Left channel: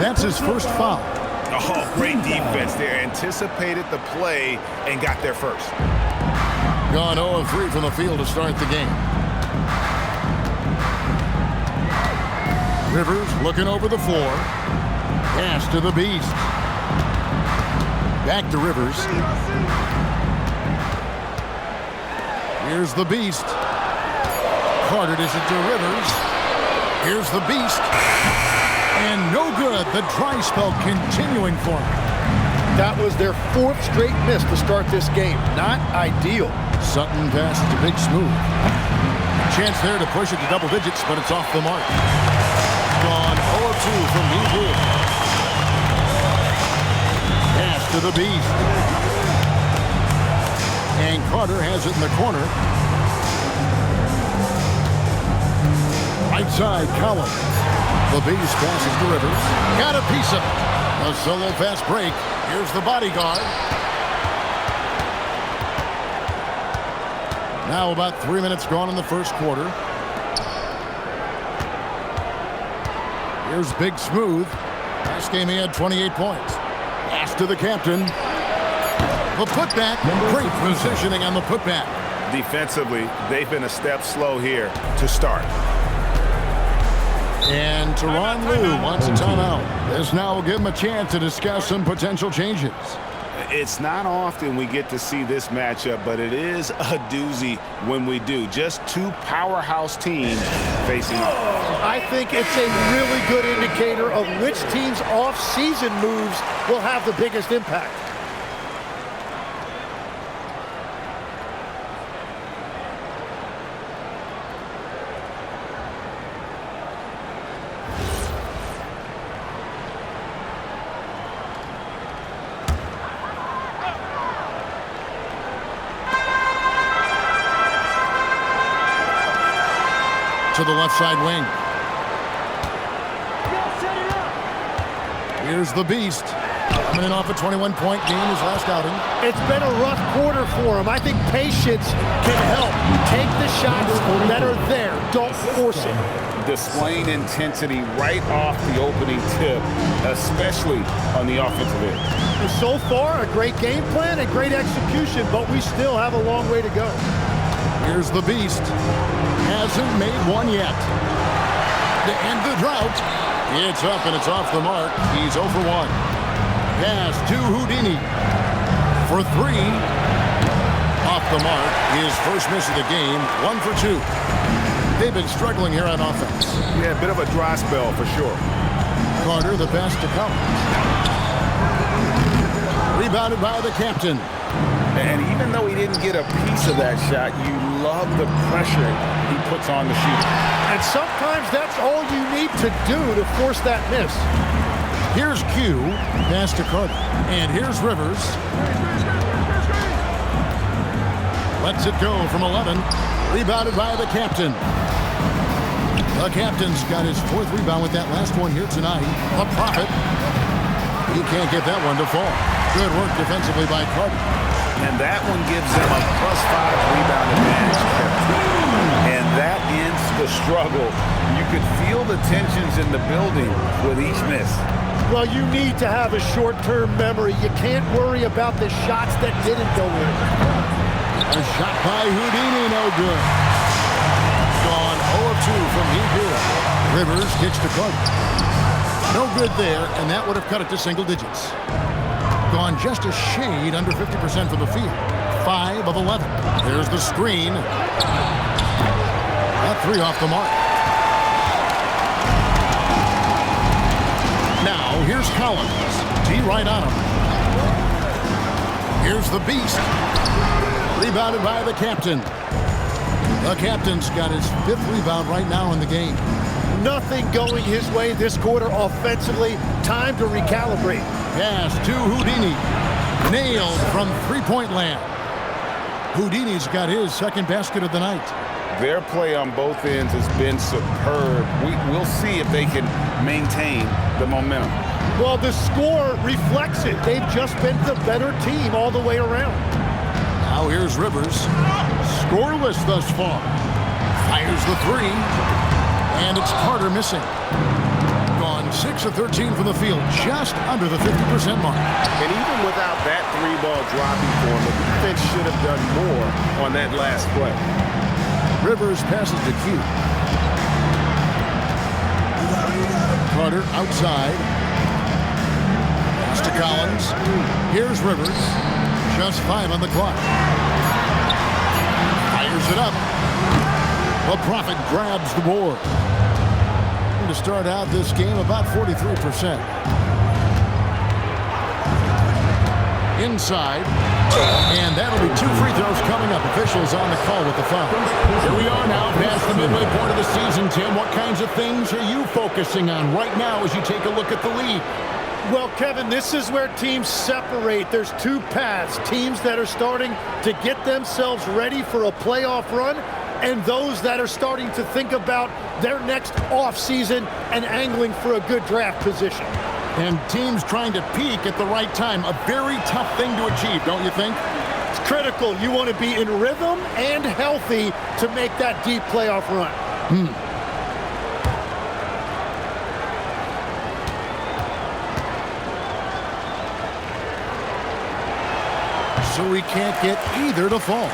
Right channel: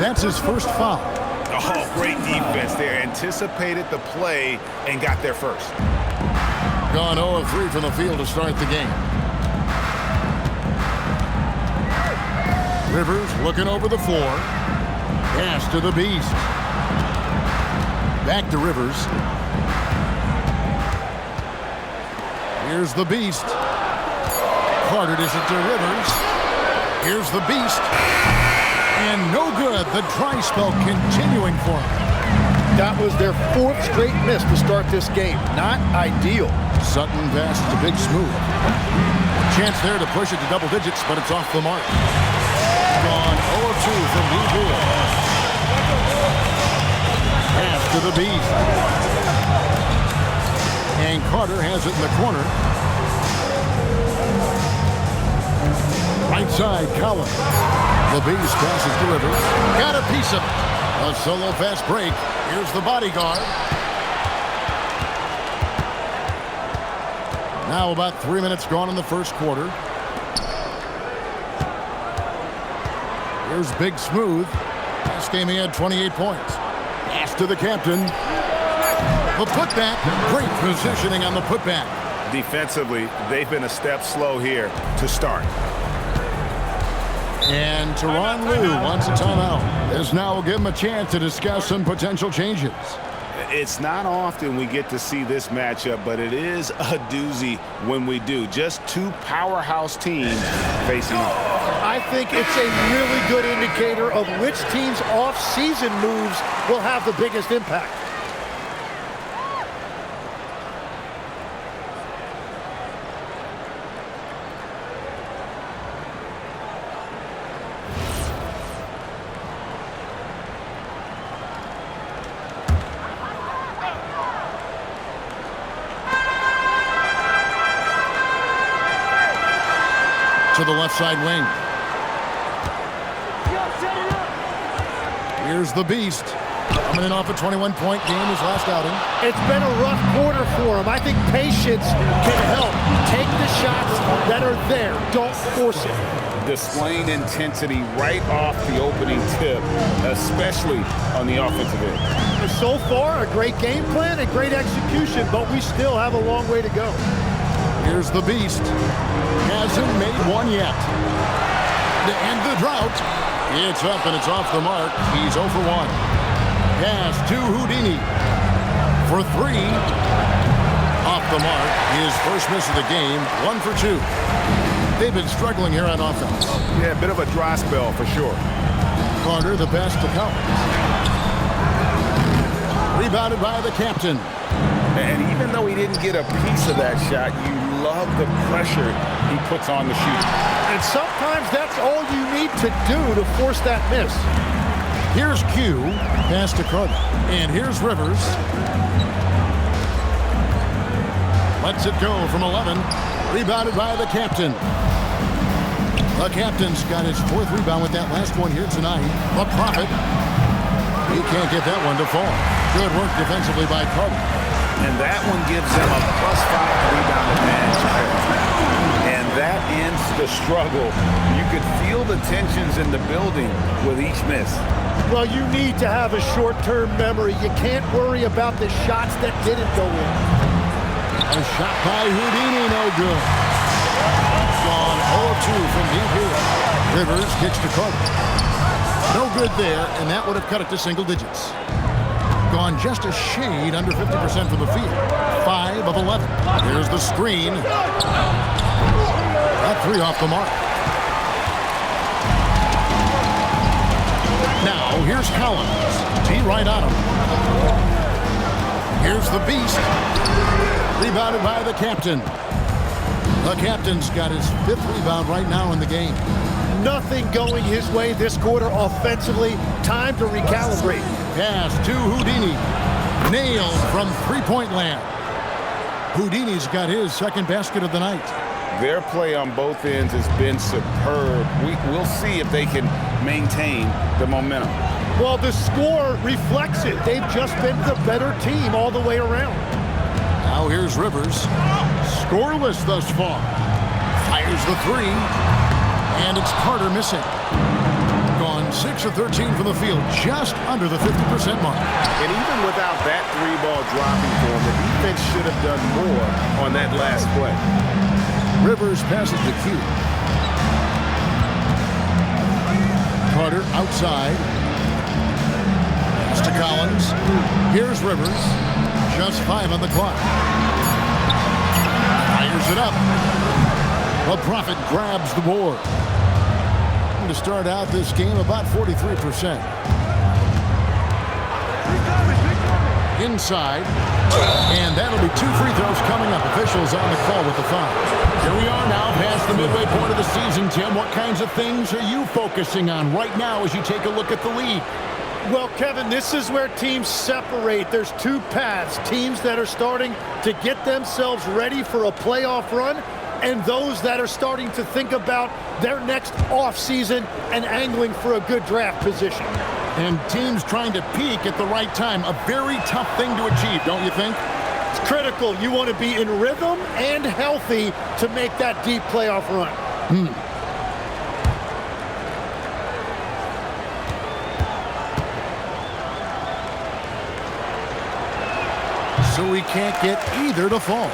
That's his first foul. Oh, great defense there. Anticipated the play and got there first. Gone 0 of 3 from the field to start the game. Rivers looking over the floor. Pass to the Beast. Back to Rivers. Here's the Beast. Carter dishes it to Rivers. Here's the Beast. And no good. The dry spell continuing for him. That was their 4th straight miss to start this game. Not ideal. Sutton passes to Big Smooth. Chance there to push it to double digits, but it's off the mark. Gone 0 of 2 from deep here. Pass to the Beast. And Carter has it in the corner. Right side, Collins. The Beast passes to Rivers. Got a piece of it. A solo fast break. Here's the bodyguard. Now about 3 minutes gone in the first quarter. Here's Big Smooth. Last game he had 28 points. Pass to the captain. The putback. Great positioning on the putback. Defensively, they've been a step slow here to start. And Tyronn Lue wants a timeout. This now will give him a chance to discuss some potential changes. It's not often we get to see this matchup, but it is a doozy when we do. Just two powerhouse teams facing off. I think it's a really good indicator of which team's off-season moves will have the biggest impact. To the left side wing. Here's the Beast. Coming in off a 21-point game, his last outing. It's been a rough quarter for him. I think patience can help. Take the shots that are there. Don't force it. Displaying intensity right off the opening tip, especially on the offensive end. So far, a great game plan and great execution, but we still have a long way to go. Here's the Beast. Hasn't made one yet. To end the drought. It's up and it's off the mark. He's 0 for 1. Pass to Houdini for 3. Off the mark. His first miss of the game. 1 for 2. They've been struggling here on offense. Yeah, a bit of a dry spell for sure. Carter, the pass to Collins. Rebounded by the captain. And even though he didn't get a piece of that shot, you love the pressure he puts on the shooter. And sometimes that's all you need to do to force that miss. Here's Q, pass to Carter. And here's Rivers. Lets it go from 11. Rebounded by the captain. The captain's got his 4th rebound with that last one here tonight. A Prophet. He can't get that one to fall. Good work defensively by Carter. And that one gives them a +5 rebound advantage, Kevin. And that ends the struggle. You could feel the tensions in the building with each miss. Well, you need to have a short-term memory. You can't worry about the shots that didn't go in. A shot by Houdini, no good. Gone 0 of 2 from deep here. Rivers kicks to Carter. No good there, and that would have cut it to single digits. Gone just a shade under 50% from the field. 5 of 11. There's the screen. That 3 off the mark. Now, here's Collins. T right on him. Here's the Beast. Rebounded by the captain. The captain's got his 5th rebound right now in the game. Nothing going his way this quarter offensively. Time to recalibrate. Pass to Houdini. Nailed from three-point land. Houdini's got his 2nd basket of the night. Their play on both ends has been superb. We'll see if they can maintain the momentum. Well, the score reflects it. They've just been the better team all the way around. Now here's Rivers. Scoreless thus far. Fires the 3. And it's Carter missing. gone 6 of 13 from the field, just under the 50% mark. And even without that three-ball dropping for him, the defense should have done more on that last play. Rivers passes to Q. Carter outside. Pass to Collins. Here's Rivers. Just 5 on the clock. Fires it up. The Prophet grabs the board. To start out this game, about 43%. Inside. And that'll be 2 free throws coming up. Officials on the call with the foul. Here we are now past the midway point of the season, Tim. What kinds of things are you focusing on right now as you take a look at the league? Well, Kevin, this is where teams separate. There's 2 paths. Teams that are starting to get themselves ready for a playoff run, and those that are starting to think about their next offseason and angling for a good draft position. And teams trying to peak at the right time. A very tough thing to achieve, don't you think? It's critical. You want to be in rhythm and healthy to make that deep playoff run. So we can't get either to fall.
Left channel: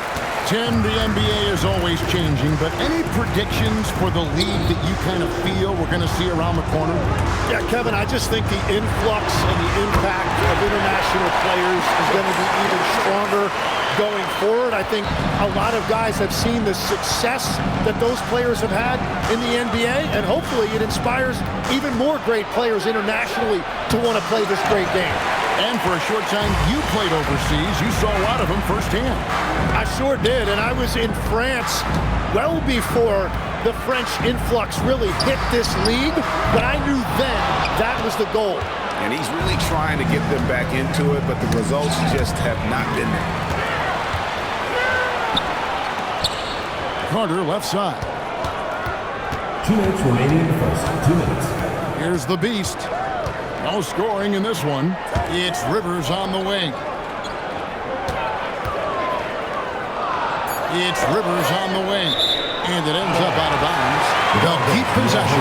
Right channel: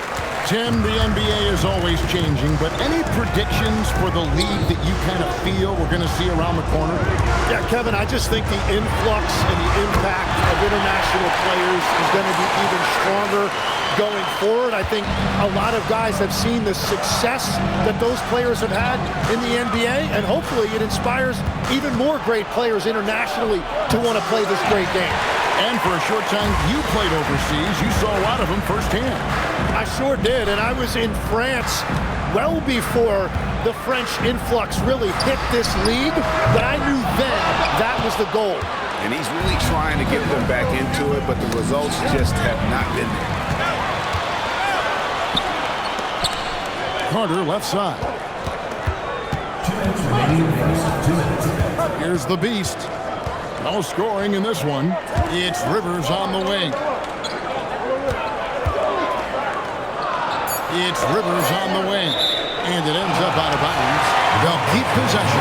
Tim, the NBA is always changing, but any predictions for the league that you kind of feel we're going to see around the corner? Yeah, Kevin, I just think the influx and the impact of international players is going to be even stronger going forward. I think a lot of guys have seen the success that those players have had in the NBA, and hopefully it inspires even more great players internationally to want to play this great game. And for a short time, you played overseas. You saw a lot of them firsthand. I sure did, and I was in France well before the French influx really hit this league, but I knew then that was the goal. And he's really trying to get them back into it, but the results just have not been there. Carter left side. 2 minutes remaining first. 2 minutes. Here's the beast. No scoring in this one. It's Rivers on the wing. It's Rivers on the wing. And it ends up out of bounds. They'll keep possession.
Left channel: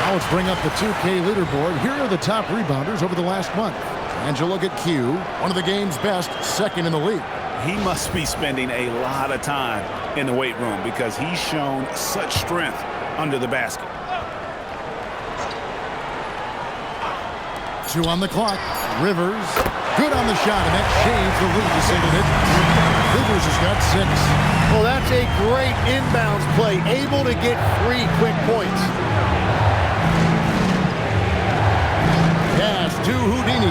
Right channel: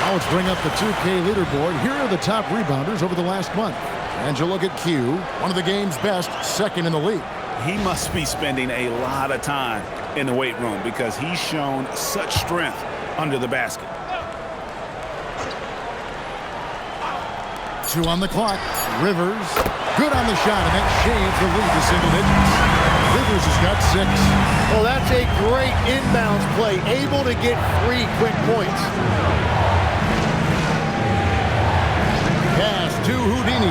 Now let's bring up the 2K leaderboard. Here are the top rebounders over the last month. And you look at Q, one of the game's best, second in the league. He must be spending a lot of time in the weight room because he's shown such strength under the basket. 2 on the clock. Rivers, good on the shot, and that shaves the lead to single digits. Rivers has got 6. Well, that's a great inbounds play, able to get 3 quick points. Pass to Houdini.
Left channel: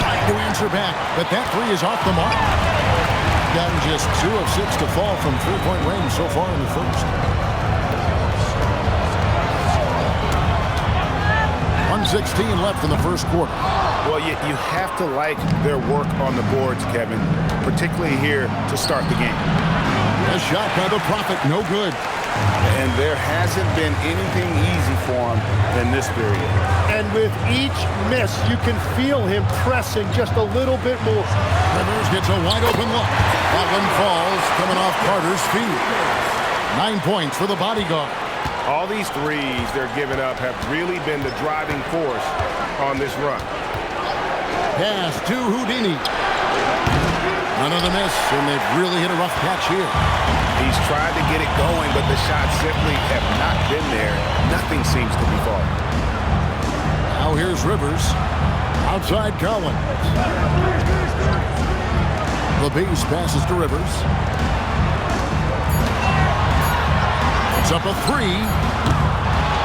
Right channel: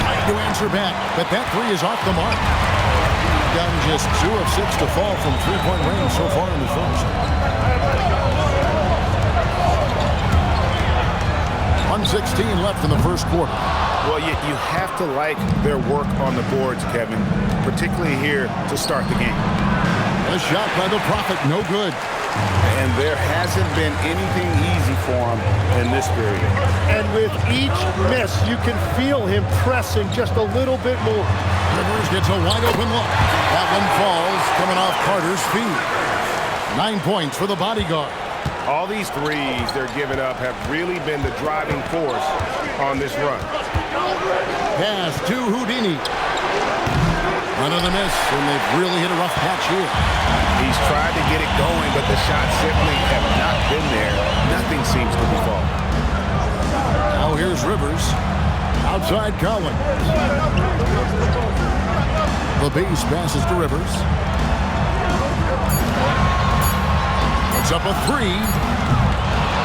Trying to answer back, but that 3 is off the mark. Gotten just 2 of 6 to fall from 3-point range so far in the first. 1:16 left in the first quarter. Well, you have to like their work on the boards, Kevin, particularly here to start the game. A shot by the Prophet, no good. And there hasn't been anything easy for him in this period. And with each miss, you can feel him pressing just a little bit more. Rivers gets a wide open look. That one falls, coming off Carter's feet. 9 points for the bodyguard. All these threes they're giving up have really been the driving force on this run. Pass to Houdini. Another miss, and they've really hit a rough patch here. He's tried to get it going, but the shots simply have not been there. Nothing seems to be falling. Now here's Rivers. Outside Collins. The base passes to Rivers. Puts up a 3.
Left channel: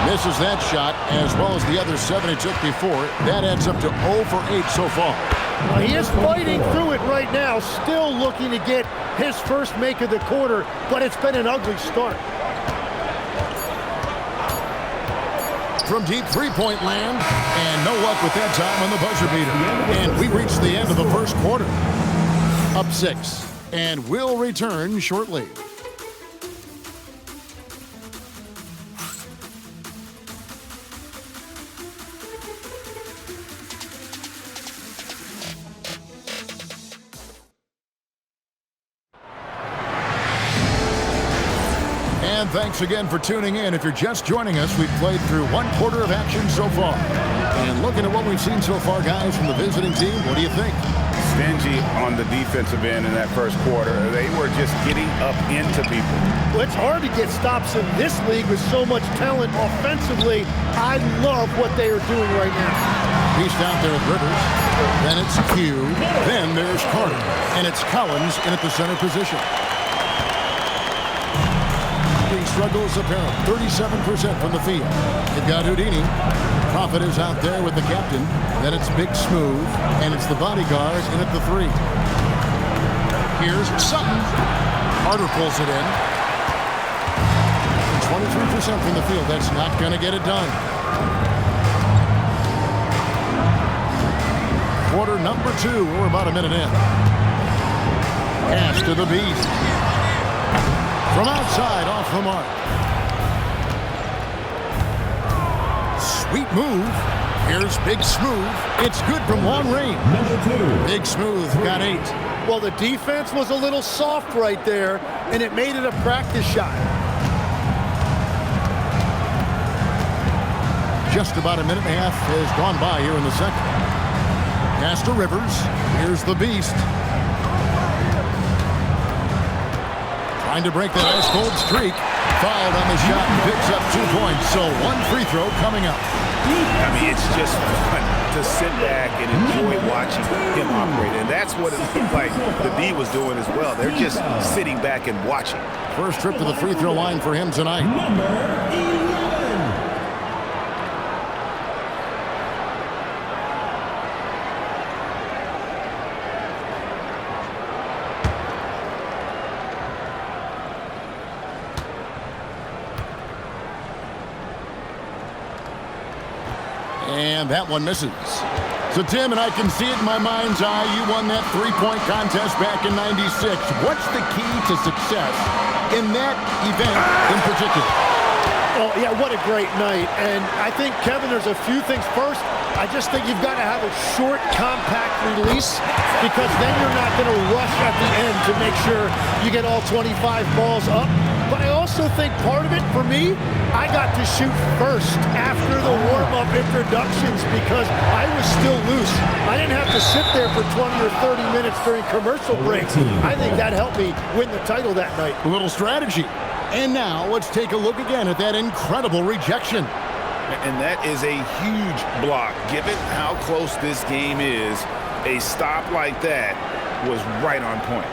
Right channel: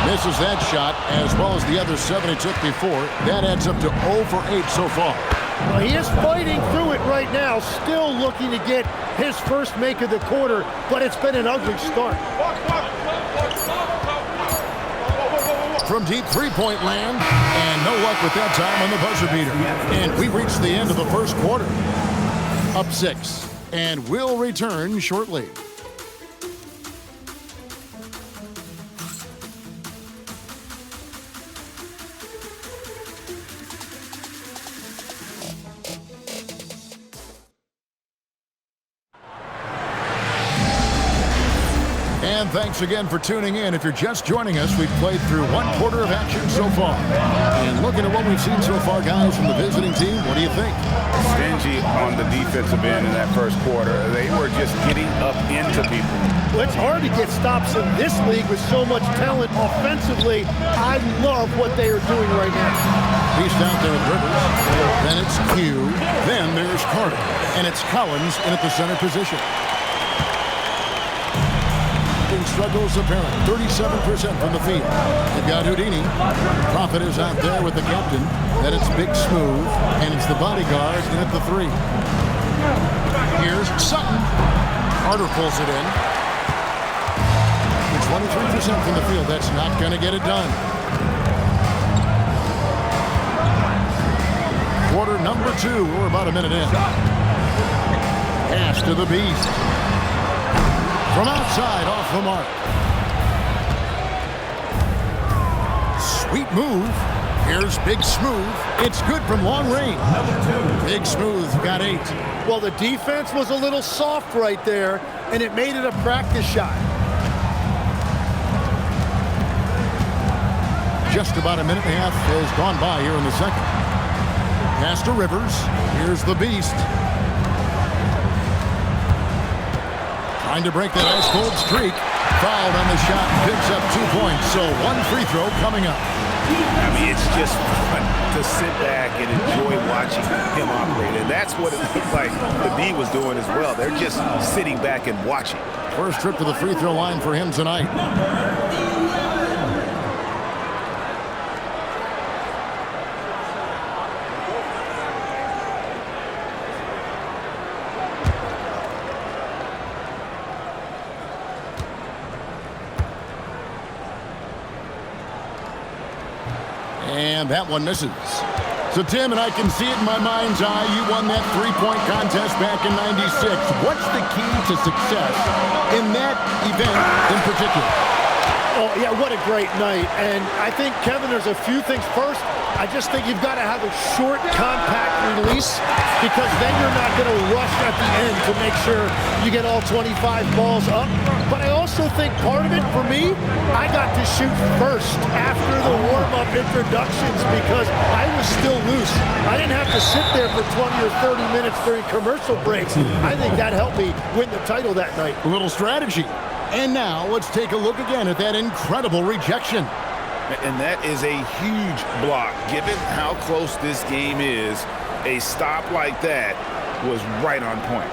Misses that shot, as well as the other 7 he took before. That adds up to 0 for 8 so far. Well, he is fighting through it right now, still looking to get his first make of the quarter, but it's been an ugly start. From deep three-point land, and no luck with that time on the buzzer beater. And we reached the end of the first quarter. Up 6, and we'll return shortly. And thanks again for tuning in. If you're just joining us, we've played through one quarter of action so far. And looking at what we've seen so far, guys, from the visiting team, what do you think? Stingy on the defensive end in that first quarter. They were just getting up into people. Well, it's hard to get stops in this league with so much talent offensively. I love what they are doing right now. Beast out there with Rivers. Then it's Q. Then there's Carter. And it's Collins in at the center position. Struggles apparent. 37% from the field. They've got Houdini. Prophet is out there with the captain. Then it's Big Smooth. And it's the bodyguard in at the 3. Here's Sutton. Carter pulls it in. 23% from the field. That's not going to get it done. Quarter number 2. We're about a minute in. Pass to the Beast. From outside, off the mark. Sweet move. Here's Big Smooth. It's good from long range. Big Smooth got 8. Well, the defense was a little soft right there, and it made it a practice shot. Just about a minute and a half has gone by here in the second. Pass to Rivers. Here's the Beast. Trying to break that ice-cold streak. Fouled on the shot and picks up 2 points. So 1 free throw coming up. I mean, it's just fun to sit back and enjoy watching him operate. And that's what it looked like the D was doing as well. They're just sitting back and watching. First trip to the free throw line for him tonight. And that one misses. So, Tim, and I can see it in my mind's eye, you won that three-point contest back in '96. What's the key to success in that event in particular? Oh, yeah, what a great night. And I think, Kevin, there's a few things. First, I just think you've got to have a short, compact release because then you're not going to rush at the end to make sure you get all 25 balls up. But I also think part of it, for me, I got to shoot first after the warm-up introductions because I was still loose. I didn't have to sit there for 20 or 30 minutes during commercial breaks. I think that helped me win the title that night. A little strategy. And now let's take a look again at that incredible rejection. And that is a huge block. Given how close this game is, a stop like that was right on point.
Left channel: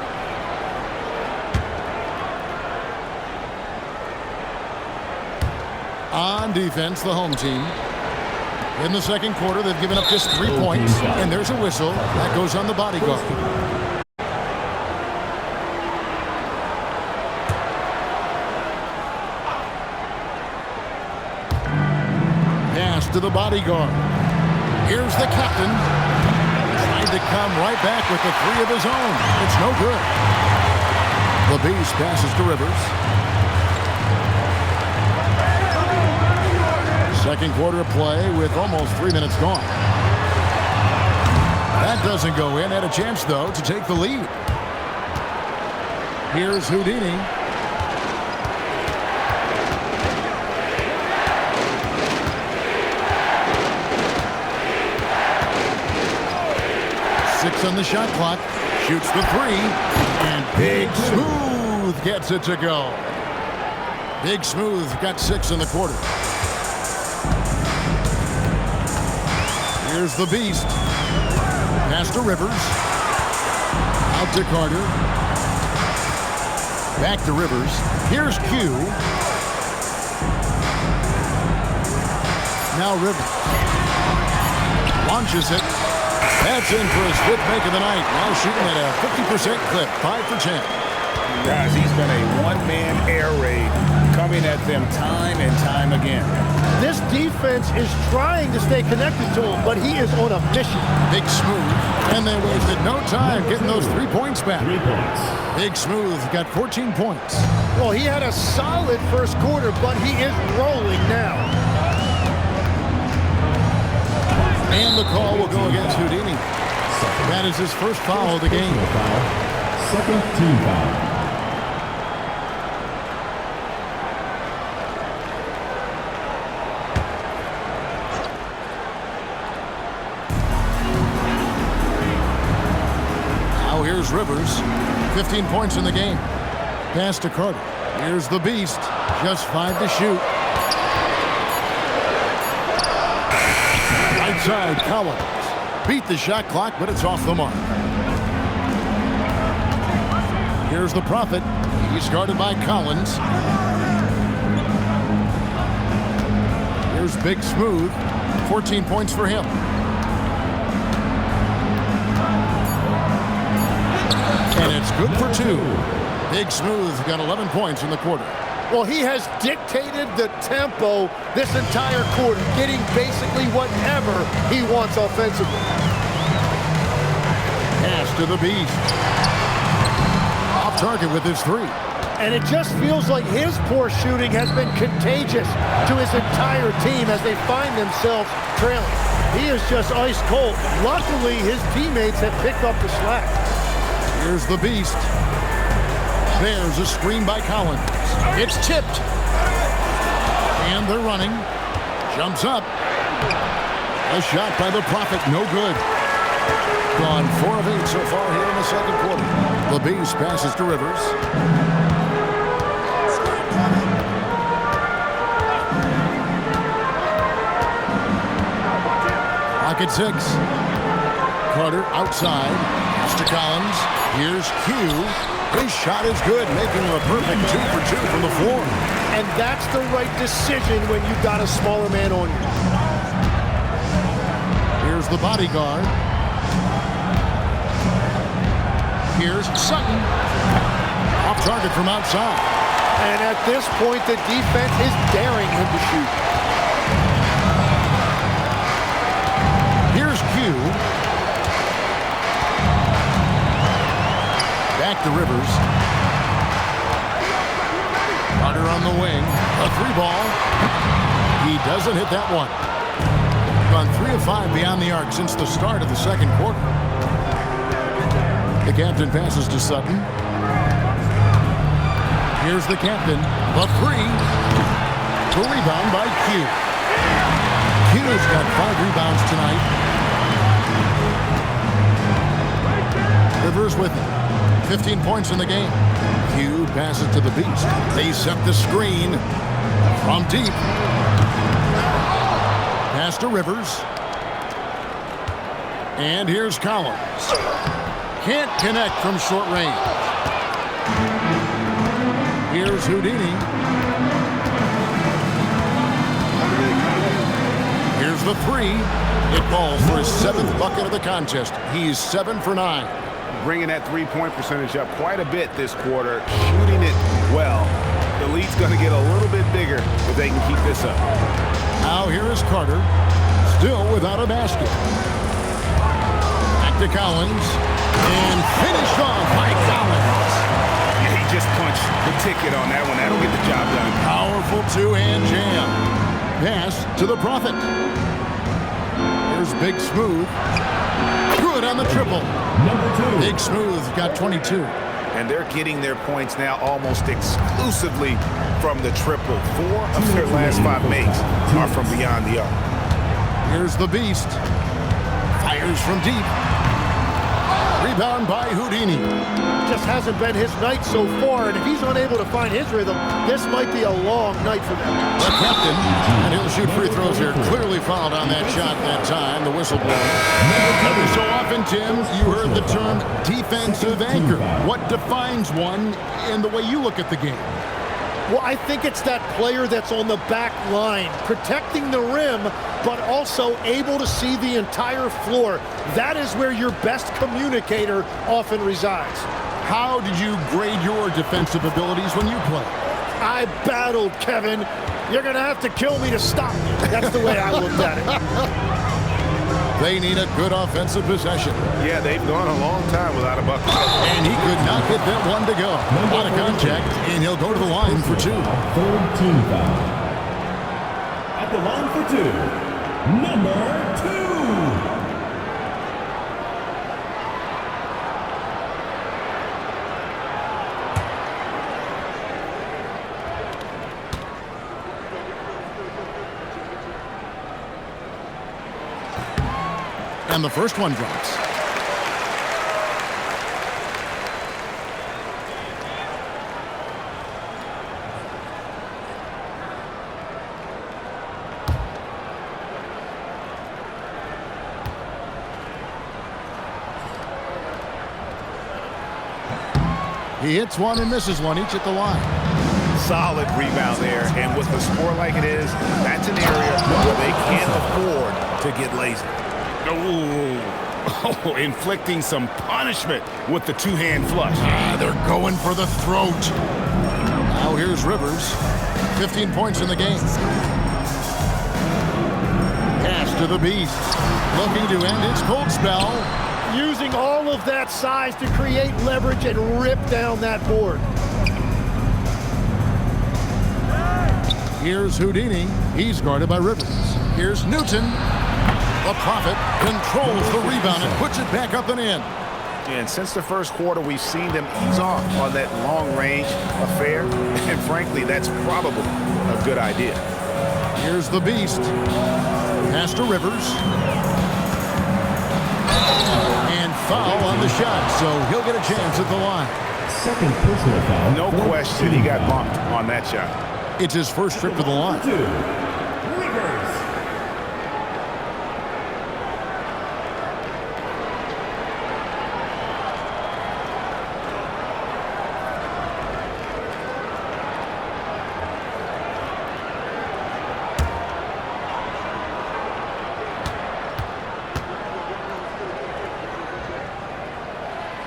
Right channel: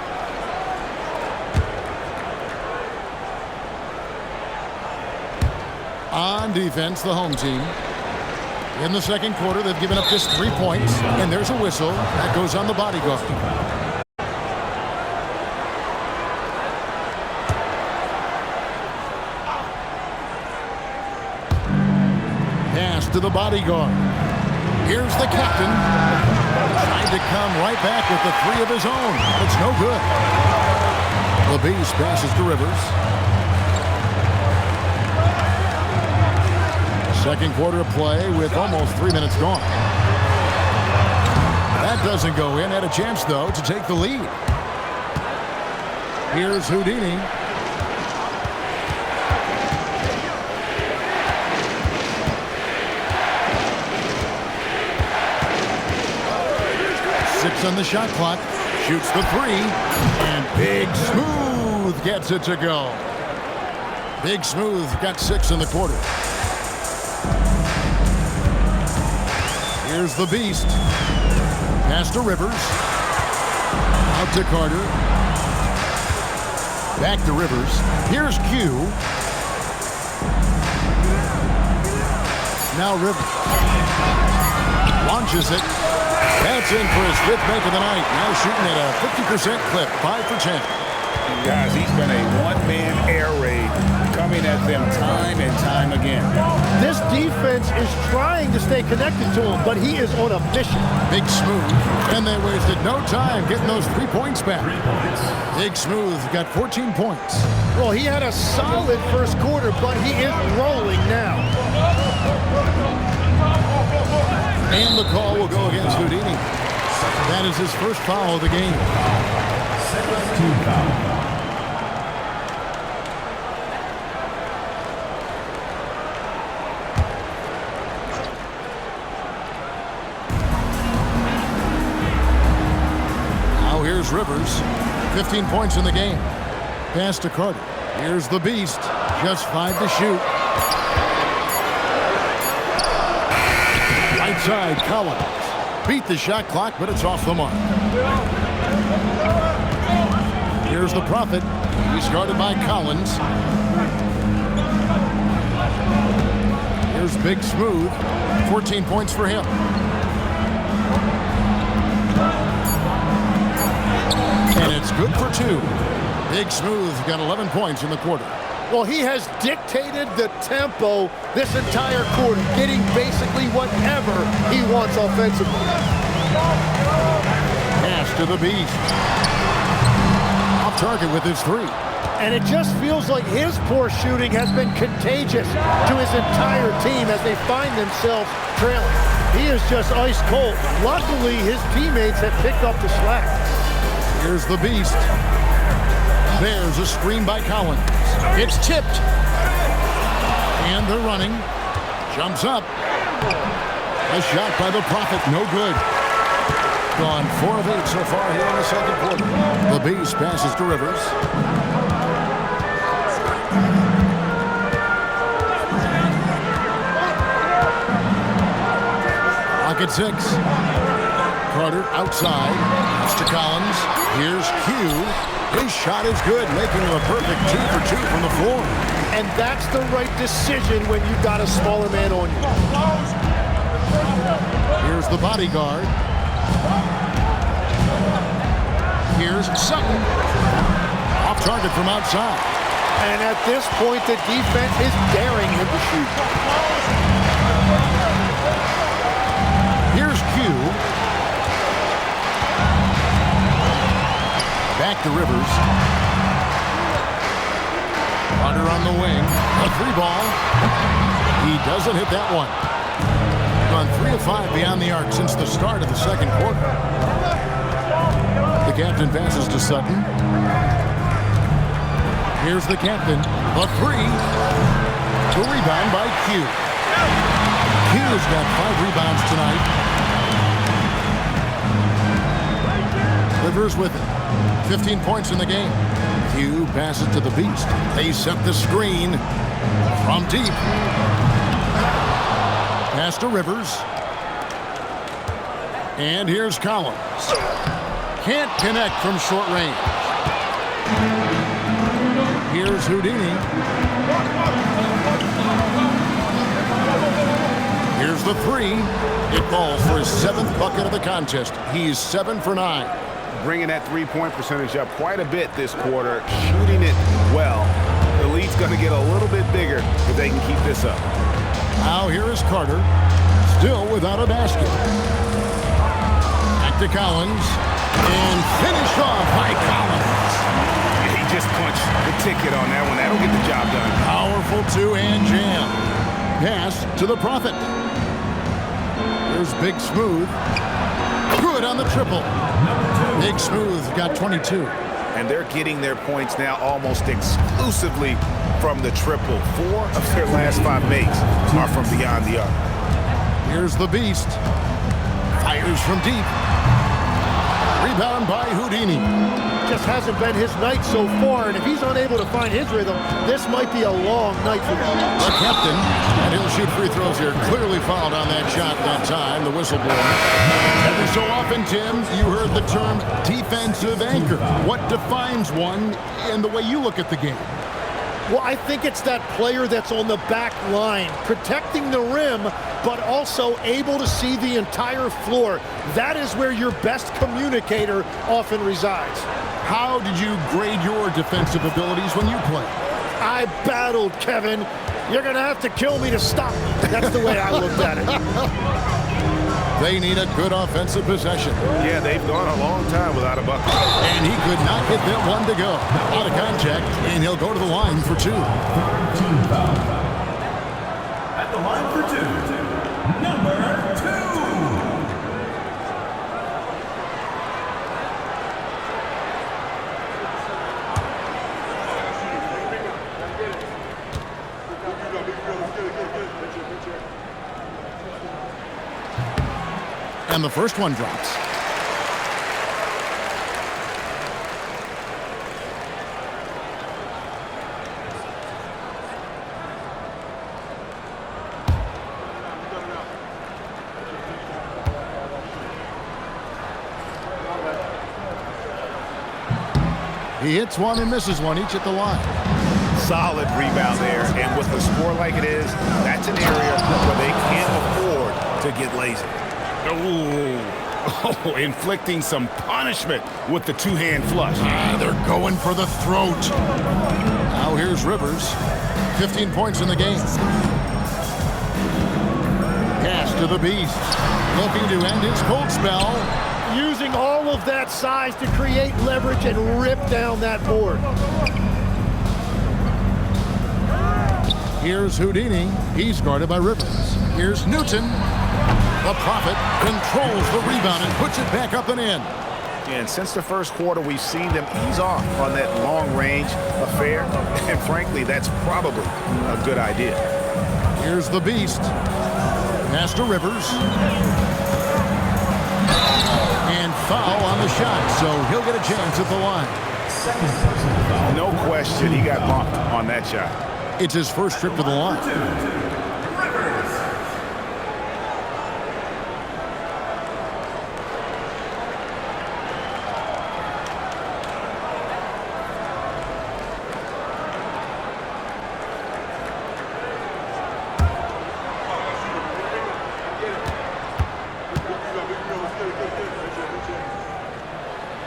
On defense, the home team. In the second quarter, they've given up just 3 points, and there's a whistle. That goes on the bodyguard. Pass to the bodyguard. Here's the captain. Trying to come right back with the 3 of his own, but it's no good. The Beast passes to Rivers. Second quarter of play with almost 3 minutes gone. That doesn't go in. Had a chance, though, to take the lead. Here's Houdini. Six on the shot clock. Shoots the 3. And Big Smooth gets it to go. Big Smooth got 6 in the quarter. Here's the Beast. Pass to Rivers. Out to Carter. Back to Rivers. Here's Q. Now Rivers. Launches it. That's in for his 5th make of the night. Now shooting at a 50% clip. 5 for 10. Guys, he's been a one-man air raid coming at them time and time again. This defense is trying to stay connected to him, but he is on a mission. Big Smooth. And they wasted no time getting those 3 points back. 3 points. Big Smooth got 14 points. Well, he had a solid first quarter, but he is rolling now. And the call will go against Houdini. That is his first foul of the game. Second team foul. here's Rivers. 15 points in the game. Pass to Carter. Here's the beast. Just 5 to shoot. Right side, Collins. Beat the shot clock, but it's off the mark. Here's the Prophet. He's guarded by Collins. Here's Big Smooth. 14 points for him. And it's good for 2. Big Smooth got 11 points in the quarter. Well, he has dictated the tempo this entire quarter, getting basically whatever he wants offensively. Pass to the beast. Off target with his 3. And it just feels like his poor shooting has been contagious to his entire team as they find themselves trailing. He is just ice cold. Luckily, his teammates have picked up the slack. Here's the beast. There's a screen by Collins. It's tipped. And they're running. Jumps up. A shot by the Prophet. No good. Gone 4 of 8 so far here in the second quarter. The beast passes to Rivers. Clock at 6. Carter outside. Pass to Collins. Here's Q. His shot is good, making him a perfect 2 for 2 from the floor. And that's the right decision when you've got a smaller man on you. Here's the bodyguard. Here's Sutton. Off target from outside. And at this point, the defense is daring him to shoot. Here's Q. Back to Rivers. Carter on the wing. A 3 ball. He doesn't hit that one. Gone 3 of 5 beyond the arc since the start of the second quarter. The captain passes to Sutton. Here's the captain. The 3. The rebound by Q. Q's got 5 rebounds tonight. Rivers with it. 15 points in the game. Q passes to the beast. They set the screen from deep. Pass to Rivers. And here's Collins. Can't connect from short range. Here's Houdini. Here's the 3. It falls for his 7th bucket of the contest. He's 7 for 9. Bringing that three-point percentage up quite a bit this quarter, shooting it well. The lead's going to get a little bit bigger if they can keep this up. Now here is Carter, still without a basket. Back to Collins, and finished off by Collins. Yeah, he just punched the ticket on that one. That'll get the job done. Powerful 2-hand jam. Pass to the Prophet. Here's Big Smooth. Good on the triple. Big Smooth got 22. And they're getting their points now almost exclusively from the triple. 4 of their last 5 makes are from beyond the arc. Here's the beast. Fires from deep. Rebound by Houdini. Just hasn't been his night so far, and if he's unable to find his rhythm, this might be a long night for him. The captain, and he'll shoot free throws here. Clearly fouled on that shot that time, the whistle blower. Every so often, Tim, you heard the term defensive anchor. What defines one in the way you look at the game? Well, I think it's that player that's on the back line, protecting the rim, but also able to see the entire floor. That is where your best communicator often resides. How did you grade your defensive abilities when you played? I battled, Kevin. You're going to have to kill me to stop me. That's the way I looked at it. They need a good offensive possession. Yeah, they've gone a long time without a bucket. And he could not get that one to go. Out of contact, and he'll go to the line for 2. Third team foul. At the line for 2, number 2. And the first one drops. He hits one and misses one, each at the line. Solid rebound there, and with the score like it is, that's an area where they can't afford to get lazy. Oh, inflicting some punishment with the two-hand flush. They're going for the throat. Now here's Rivers. 15 points in the game. Pass to the Beast. Looking to end his cold spell. Using all of that size to create leverage and rip down that board. Here's Houdini. He's guarded by Rivers. Here's Newton. The Prophet controls the rebound and puts it back up and in. And since the first quarter, we've seen them ease off on that long-range affair. And frankly, that's probably a good idea. Here's the Beast. Pass to Rivers. And foul on the shot, so he'll get a chance at the line. Second personal foul. No question he got bumped on that shot. It's his first trip to the line. Rivers.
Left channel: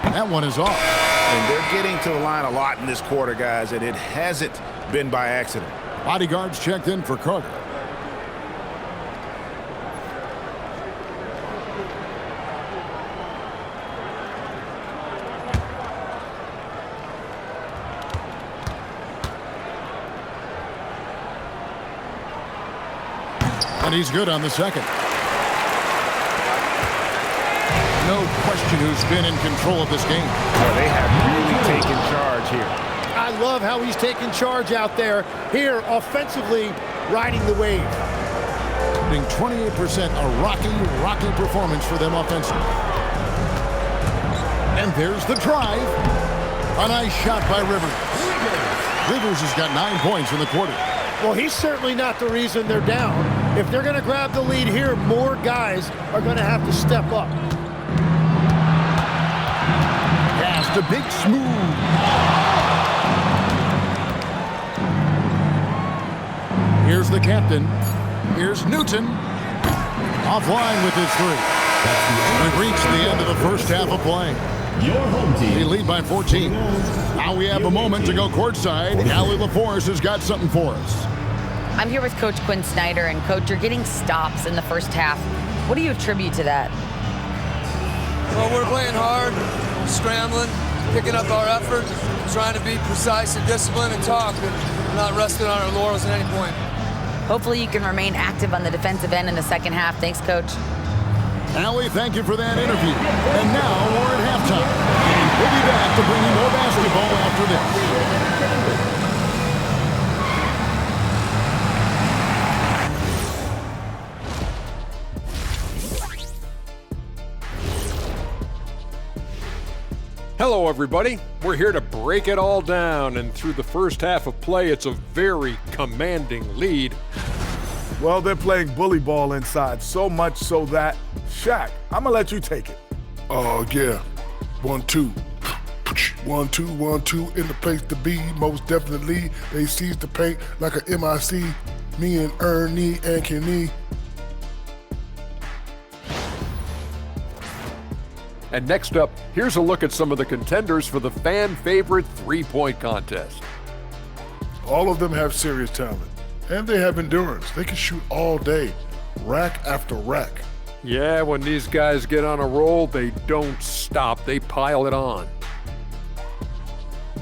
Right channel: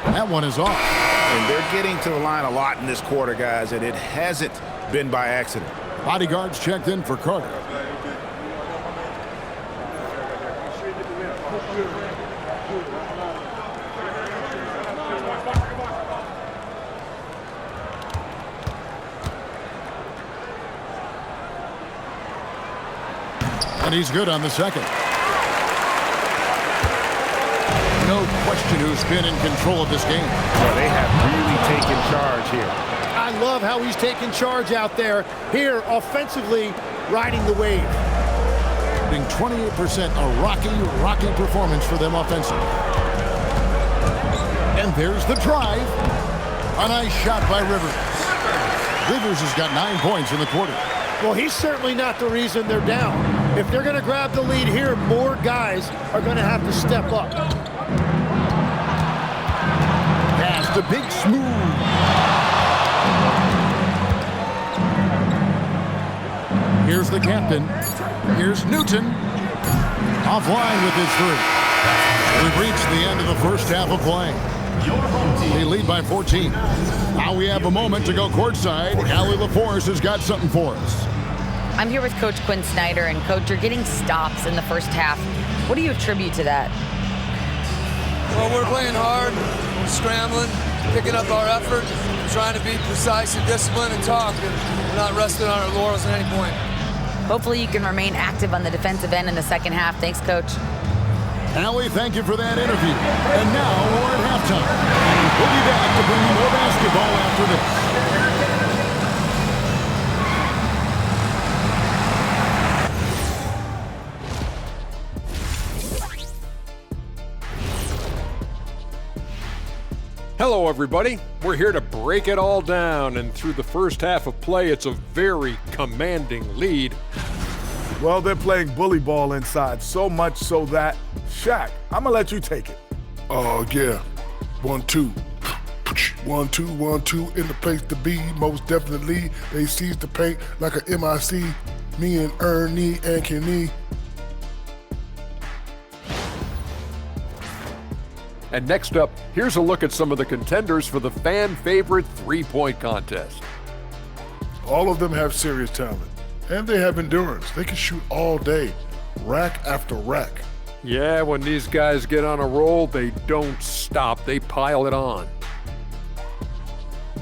That one is off. And they're getting to the line a lot in this quarter, guys, and it hasn't been by accident. Bodyguards checked in for Carter. And he's good on the second. No question who's been in control of this game. Well, they have really taken charge here. I love how he's taking charge out there. Here, offensively, riding the wave. 28%, a rocky performance for them offensively. And there's the drive. A nice shot by Rivers. Rivers has got 9 points in the quarter. Well, he's certainly not the reason they're down. If they're going to grab the lead here, more guys are going to have to step up. Pass to Big Smooth. Here's the captain. Here's Newton. Offline with his three. We've reached the end of the first half of play. Your home team. They lead by 14. Now we have a moment to go courtside. Allie LaForce has got something for us. I'm here with Coach Quinn Snyder, and Coach, you're getting stops in the first half. What do you attribute to that? Well, we're playing hard, we're scrambling, picking up our effort, trying to be precise and disciplined and talk, and we're not resting on our laurels at any point. Hopefully you can remain active on the defensive end in the second half. Thanks, Coach. Allie, thank you for that interview. And now we're at halftime. And we'll be back to bring you more basketball after this. Hello, everybody. We're here to break it all down, and through the first half of play, it's a very commanding lead. Well, they're playing bully ball inside, so much so that, Shaq, I'm gonna let you take it. Oh, yeah. 1-2. 1-2, 1-2 in the place to be. Most definitely, they seize the paint like a MIC. Me and Ernie and Kenny. And next up, here's a look at some of the contenders for the fan-favorite three-point contest. All of them have serious talent, and they have endurance. They can shoot all day, rack after rack. Yeah, when these guys get on a roll, they don't stop. They pile it on.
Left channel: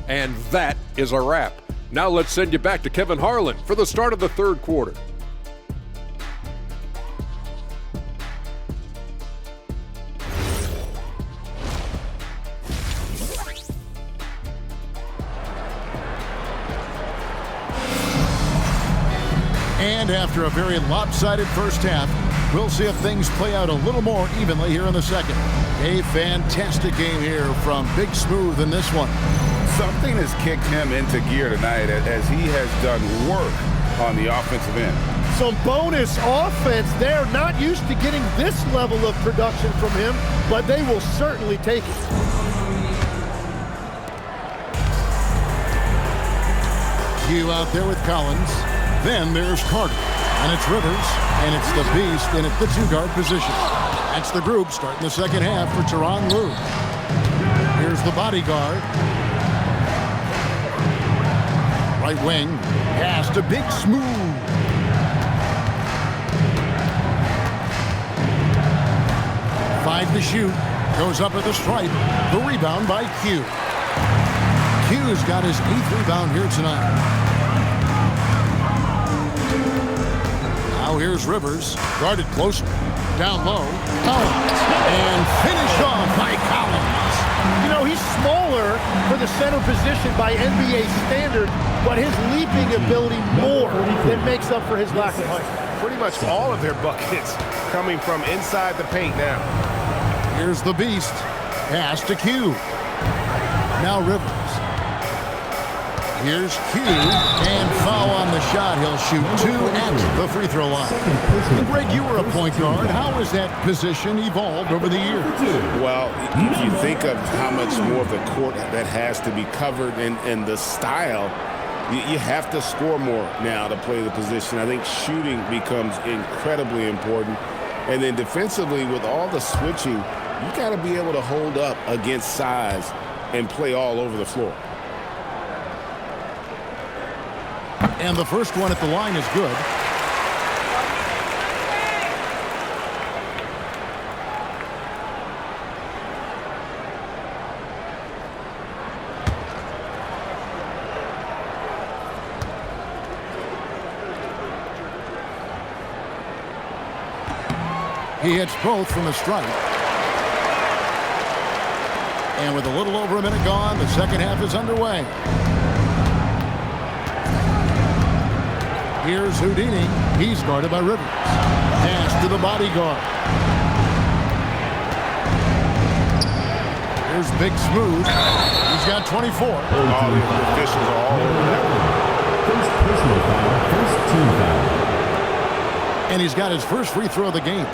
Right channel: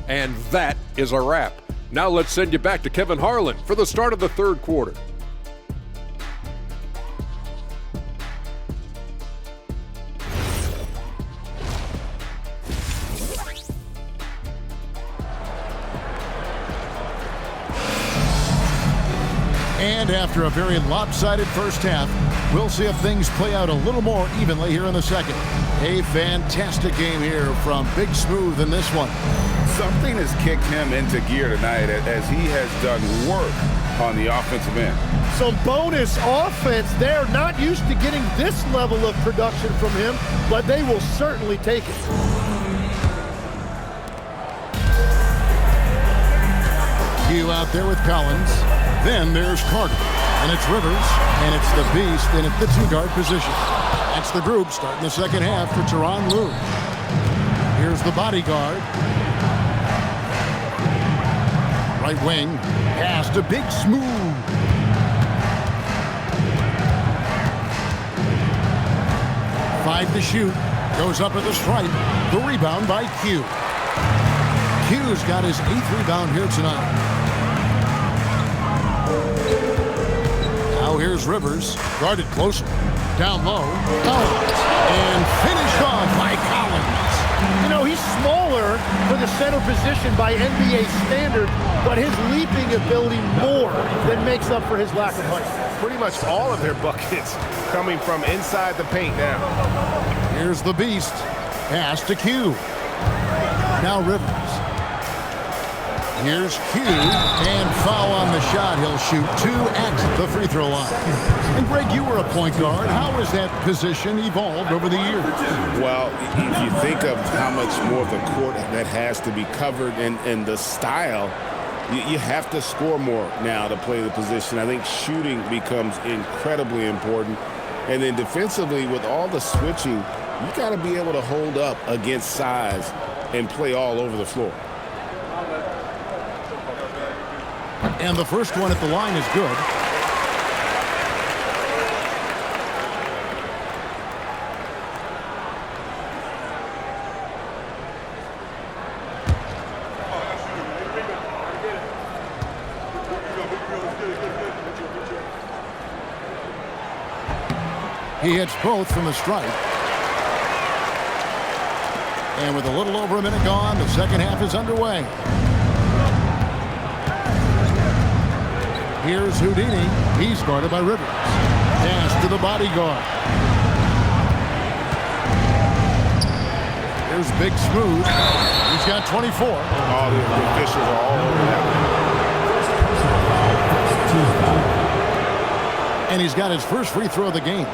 And that is a wrap. Now let's send you back to Kevin Harlan for the start of the third quarter. And after a very lopsided first half, we'll see if things play out a little more evenly here in the second. A fantastic game here from Big Smooth in this one. Something has kicked him into gear tonight as he has done work on the offensive end. Some bonus offense. They're not used to getting this level of production from him, but they will certainly take it. Q out there with Collins. Then there's Carter. And it's Rivers. And it's the Beast in at the 2-guard position. That's the group starting the second half for Tyronn Lue. Here's the bodyguard. Right wing. Pass to Big Smooth. Five to shoot. Goes up at the stripe. The rebound by Q. Q's got his 8th rebound here tonight. Now here's Rivers. Guarded closer. Down low. Collins. And finished off by Collins. You know, he's smaller for the center position by NBA standards, but his leaping ability more than makes up for his lack of height. Pretty much all of their buckets coming from inside the paint now. Here's the Beast. Pass to Q. Now Rivers. Here's Q. And foul on the shot. He'll shoot 2 at the free throw line. And Greg, you were a point guard. How has that position evolved over the years? Well, if you think of how much more of the court that has to be covered and the style, you have to score more now to play the position. I think shooting becomes incredibly important. And then defensively, with all the switching, you got to be able to hold up against size and play all over the floor. And the first one at the line is good. He hits both from the stripe. And with a little over a minute gone, the second half is underway. Here's Houdini. He's guarded by Rivers. Pass to the bodyguard. Here's Big Smooth. He's got 24. All the officials are all over that one. First personal foul, first team foul. And he's got his first free throw of the game.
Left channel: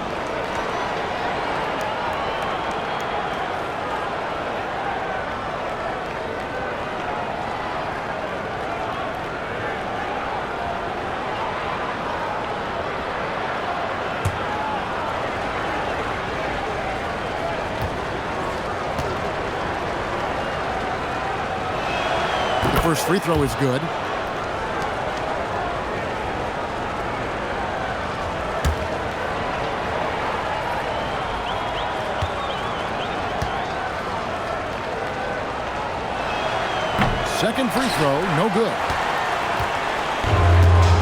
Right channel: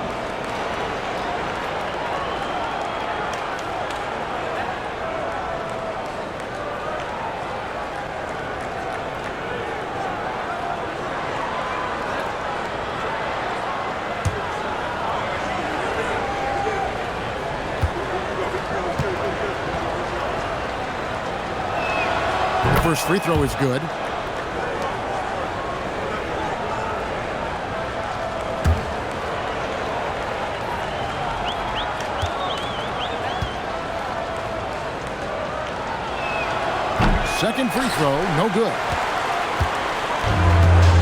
First free throw is good. Second free throw, no good.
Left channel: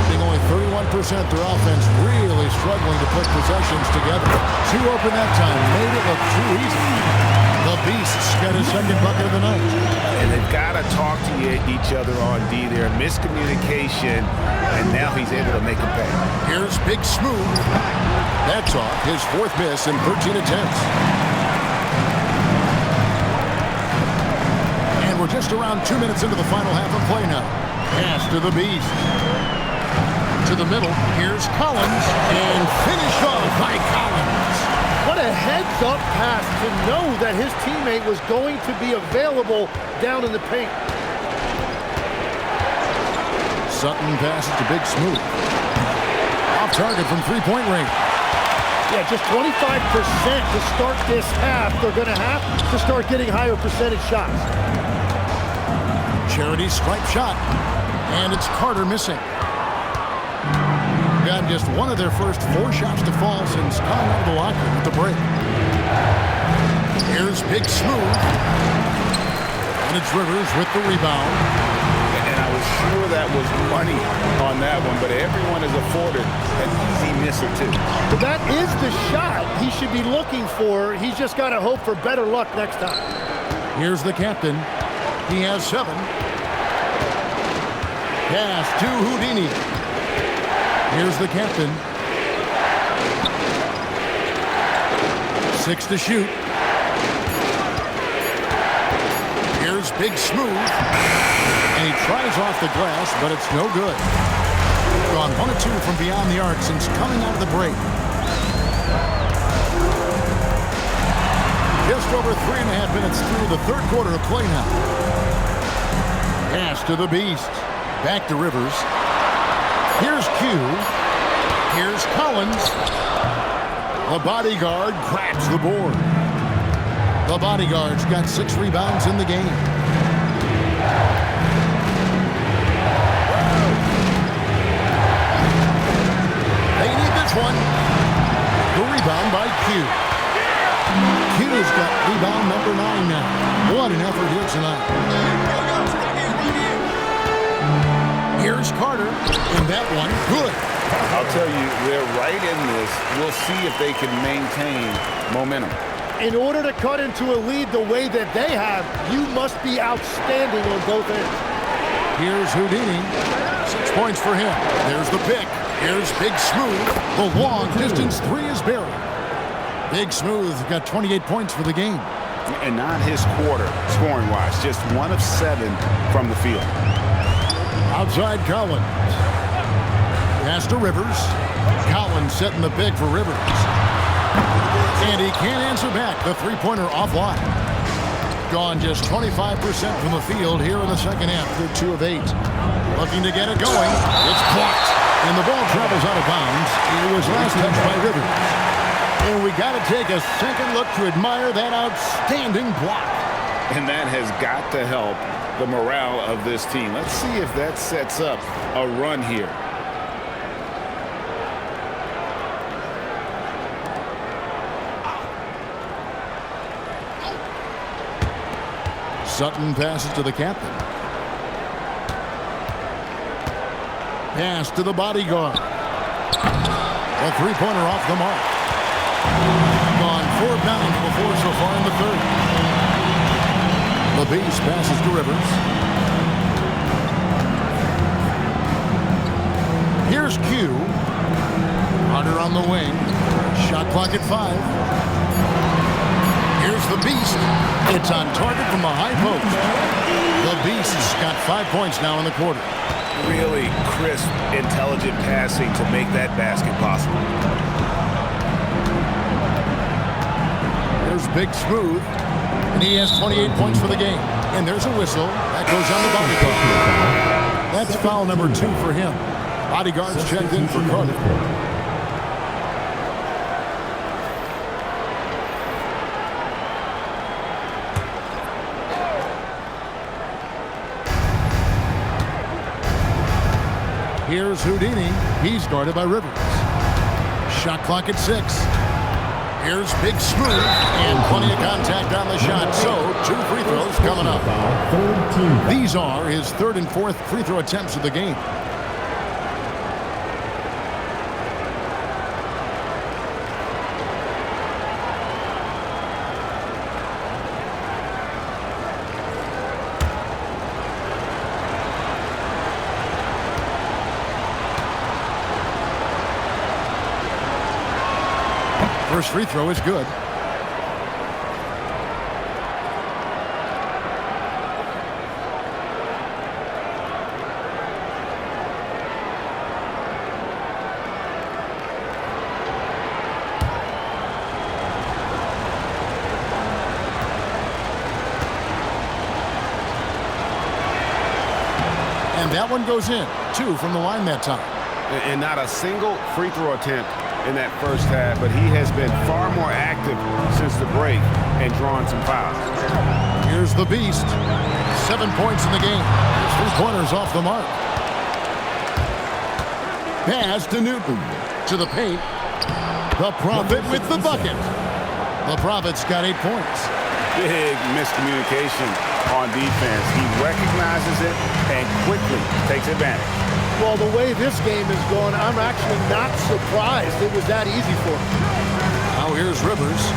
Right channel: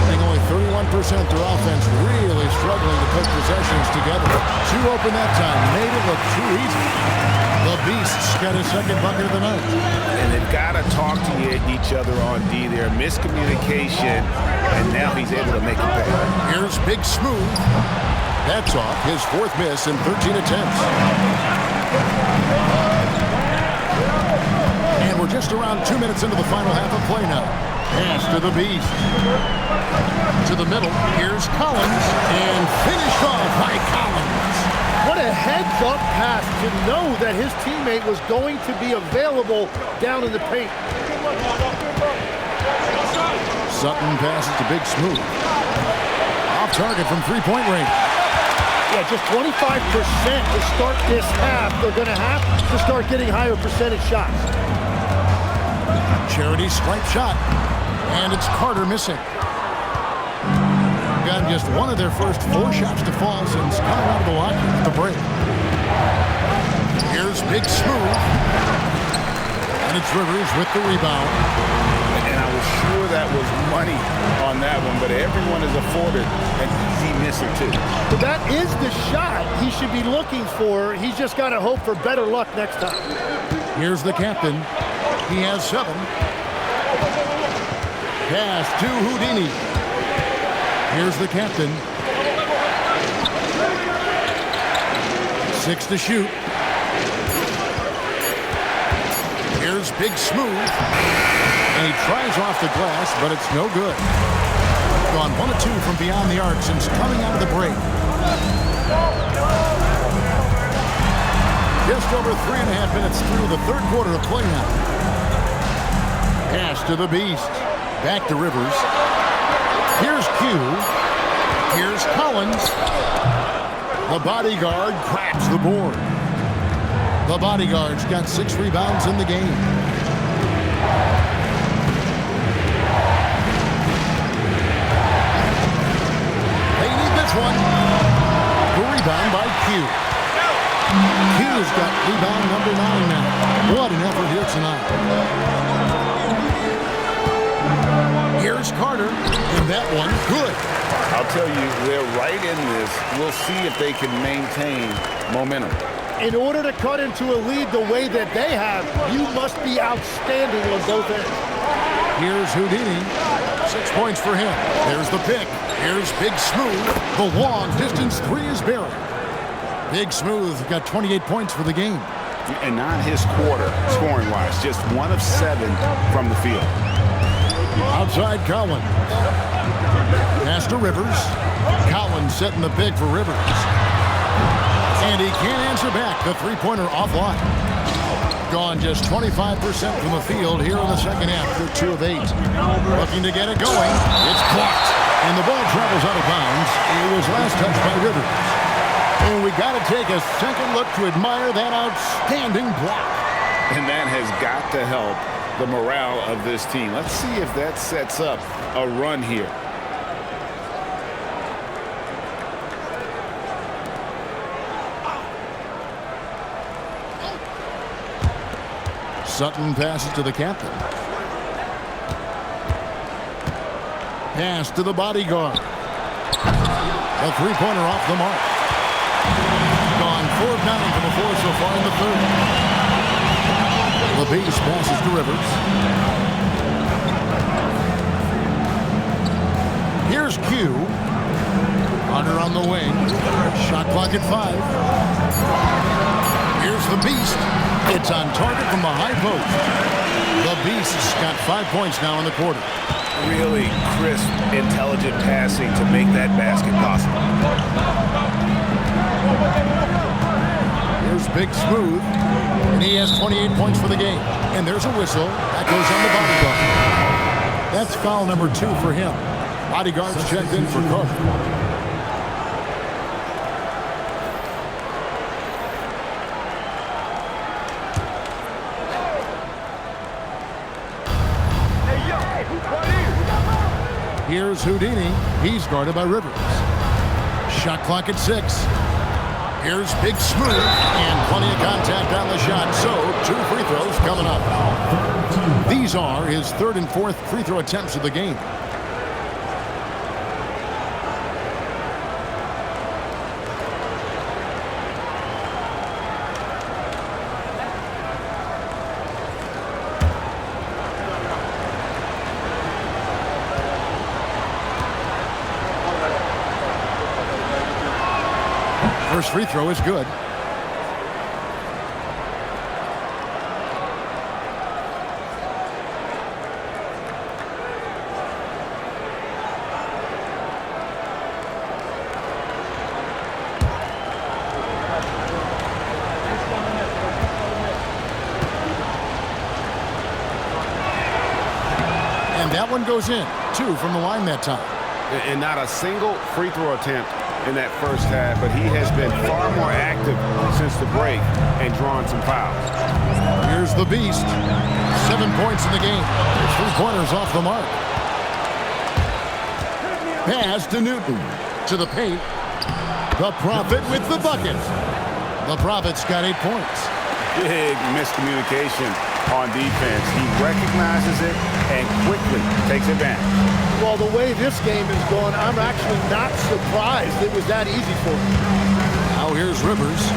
Being only 31%, their offense really struggling to put possessions together. 2 open that time, made it look too easy. The Beasts got his second bucket of the night. And they've got to talk to each other on D there. Miscommunication, and now he's able to make a pay. Here's Big Smooth. That's off. His 4th miss in 13 attempts. And we're just around 2 minutes into the final half of play now. Pass to the Beast. To the middle. Here's Collins. And finished off by Collins. What a heads-up pass to know that his teammate was going to be available down in the paint. Sutton passes to Big Smooth. Off target from three-point range. Yeah, just 25% to start this half. They're going to have to start getting higher percentage shots. Charity stripe shot. And it's Carter missing. Got just one of their first 4 shots to fall since coming out of the locker room at the break. Here's Big Smooth. And it's Rivers with the rebound. And I was sure that was money on that one, but everyone is afforded an easy miss or two. But that is the shot he should be looking for. He's just got to hope for better luck next time. Here's the captain. He has 7. Pass to Houdini. Here's the captain. 6 to shoot. Here's Big Smooth. And he tries off the glass, but it's no good. Gone 1 of 2 from beyond the arc since coming out of the break. Just over 3.5 minutes through the third quarter of play now. Pass to the Beast. Back to Rivers. Here's Q. Here's Collins. The bodyguard grabs the board. The bodyguard's got 6 rebounds in the game. They need this one. The rebound by Q. Q's got rebound number 9 now. What an effort here tonight. Here's Carter, and that one good. I'll tell you, they're right in this. We'll see if they can maintain momentum. In order to cut into a lead the way that they have, you must be outstanding on both ends. Here's Houdini. 6 points for him. There's the pick. Here's Big Smooth. The long distance 3 is buried. Big Smooth got 28 points for the game. And not his quarter, scoring-wise. Just 1 of 7 from the field. Outside Collins. Pass to Rivers. Collins setting the pick for Rivers. And he can't answer back. The three-pointer offline. Gone just 25% from the field here in the second half. They're 2 of 8. Looking to get it going. It's blocked. And the ball travels out of bounds. It was last touched by Rivers. And we got to take a second look to admire that outstanding block. And that has got to help the morale of this team. Let's see if that sets up a run here. Sutton passes to the captain. Pass to the bodyguard. A three-pointer off the mark. Gone 4 of 9 from the 4 so far in the third. The Beast passes to Rivers. Here's Q. Hunter on the wing. Shot clock at 5. Here's the Beast. It's on target from the high post. The Beast's got 5 points now in the quarter. Really crisp, intelligent passing to make that basket possible. Here's Big Smooth, and he has 28 points for the game. And there's a whistle. That goes on the bodyguard. That's foul number 2 for him. Bodyguard's checked in for Carter. Here's Houdini. He's guarded by Rivers. Shot clock at 6. Here's Big Smooth, and plenty of contact on the shot. So, 2 free throws coming up. These are his 3rd and 4th free throw attempts of the game. First free throw is good. And that one goes in. 2 from the line that time. And not a single free throw attempt in that first half, but he has been far more active since the break and drawn some fouls. Here's the Beast. 7 points in the game. There's 3 pointers off the mark. Pass to Newton. To the paint. The Prophet with the bucket. The Prophet's got 8 points. Big miscommunication on defense. He recognizes it and quickly takes advantage. Well, the way this game is going, I'm actually not surprised it was that easy for him. Now here's Rivers.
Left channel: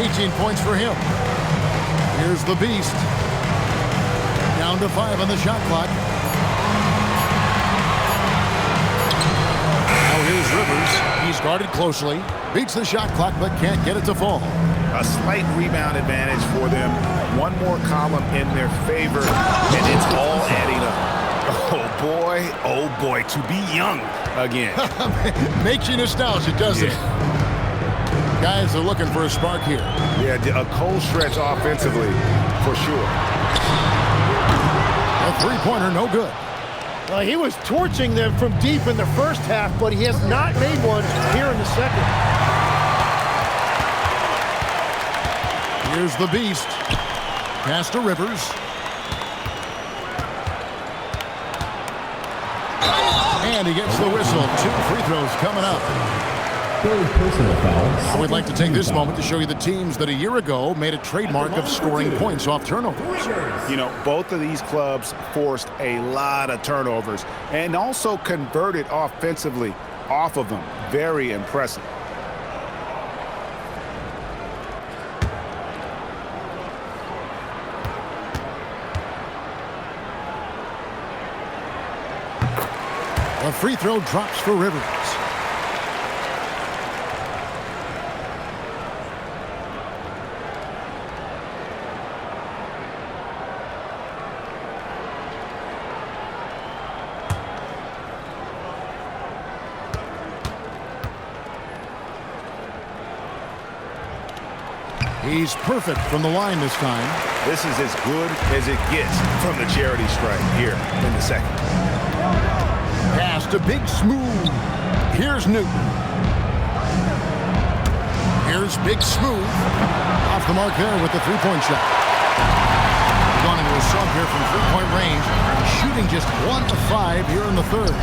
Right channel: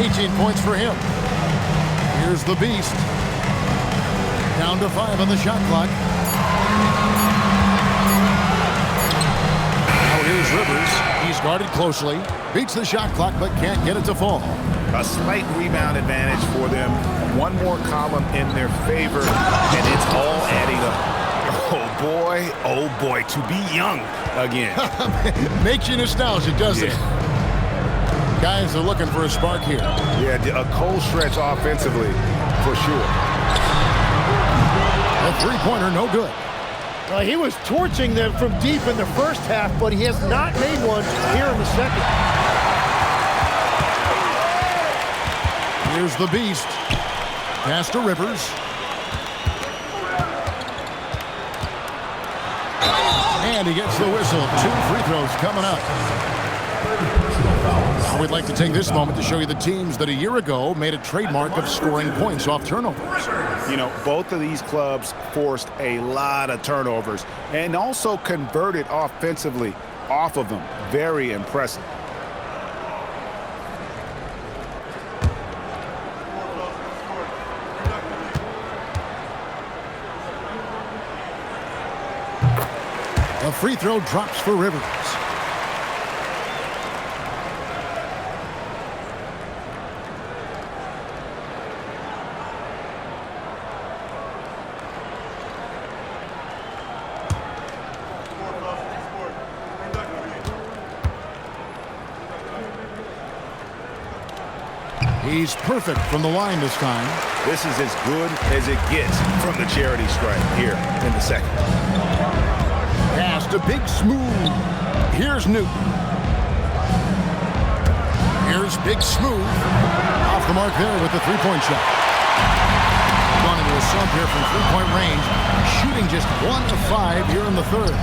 18 points for him. Here's the Beast. Down to 5 on the shot clock. Now here's Rivers. He's guarded closely. Beats the shot clock but can't get it to fall. A slight rebound advantage for them. One more column in their favor, and it's all adding up. Oh boy, to be young again. Makes you nostalgic, doesn't it? Guys are looking for a spark here. Yeah, a cold stretch offensively, for sure. A three-pointer, no good. He was torching them from deep in the first half, but he has not made one here in the second. Here's the beast. Pass to Rivers. And he gets the whistle. 2 free throws coming up. Third personal foul. Now we'd like to take this moment to show you the teams that a year ago made a trademark of scoring points off turnovers. You know, both of these clubs forced a lot of turnovers and also converted offensively off of them. Very impressive. The free throw drops for Rivers. He's perfect from the line this time. This is as good as it gets from the charity stripe here in the second. Pass to Big Smooth. Here's Newton. Here's Big Smooth. Off the mark there with the three-point shot. Gone into a slump here from three-point range. Shooting just 1 of 5 here in the third.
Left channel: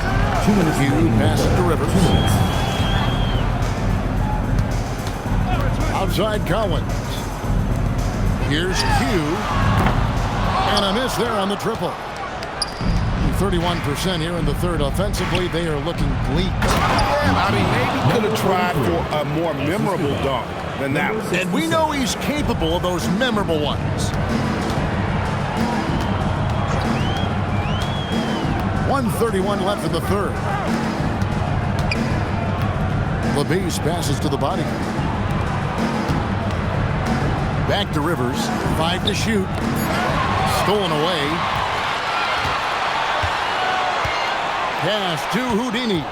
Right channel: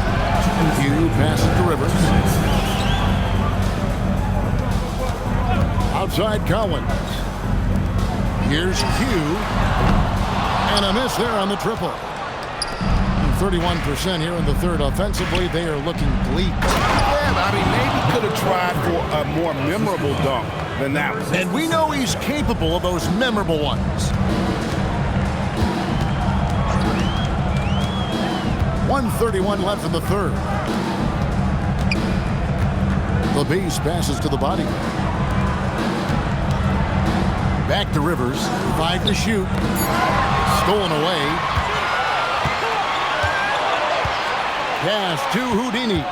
Q passes to Rivers. Outside Collins. Here's Q. And a miss there on the triple. 31% here in the third. Offensively, they are looking bleak. Yeah, I mean, maybe could have tried for a more memorable dunk than that one. And we know he's capable of those memorable ones. 1:31 left in the third. The base passes to the body. Back to Rivers. 5 to shoot. Stolen away. Pass to Houdini.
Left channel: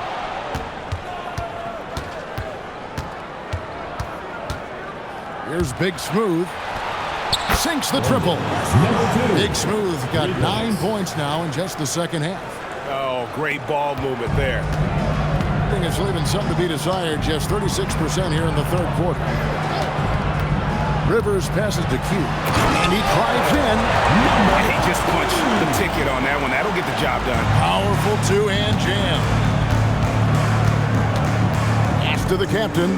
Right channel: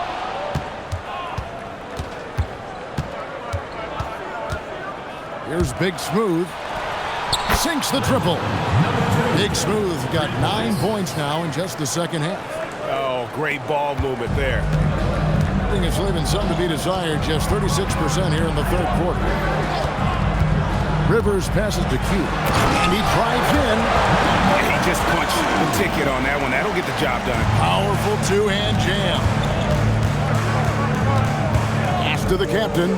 Here's Big Smooth. Sinks the triple. Big Smooth got 9 points now in just the second half. Oh, great ball movement there. I think it's leaving some to be desired. Just 36% here in the third quarter. Rivers passes to Q. And he drives in. He just punched the ticket on that one. That'll get the job done. Powerful two-hand jam. Pass to the captain.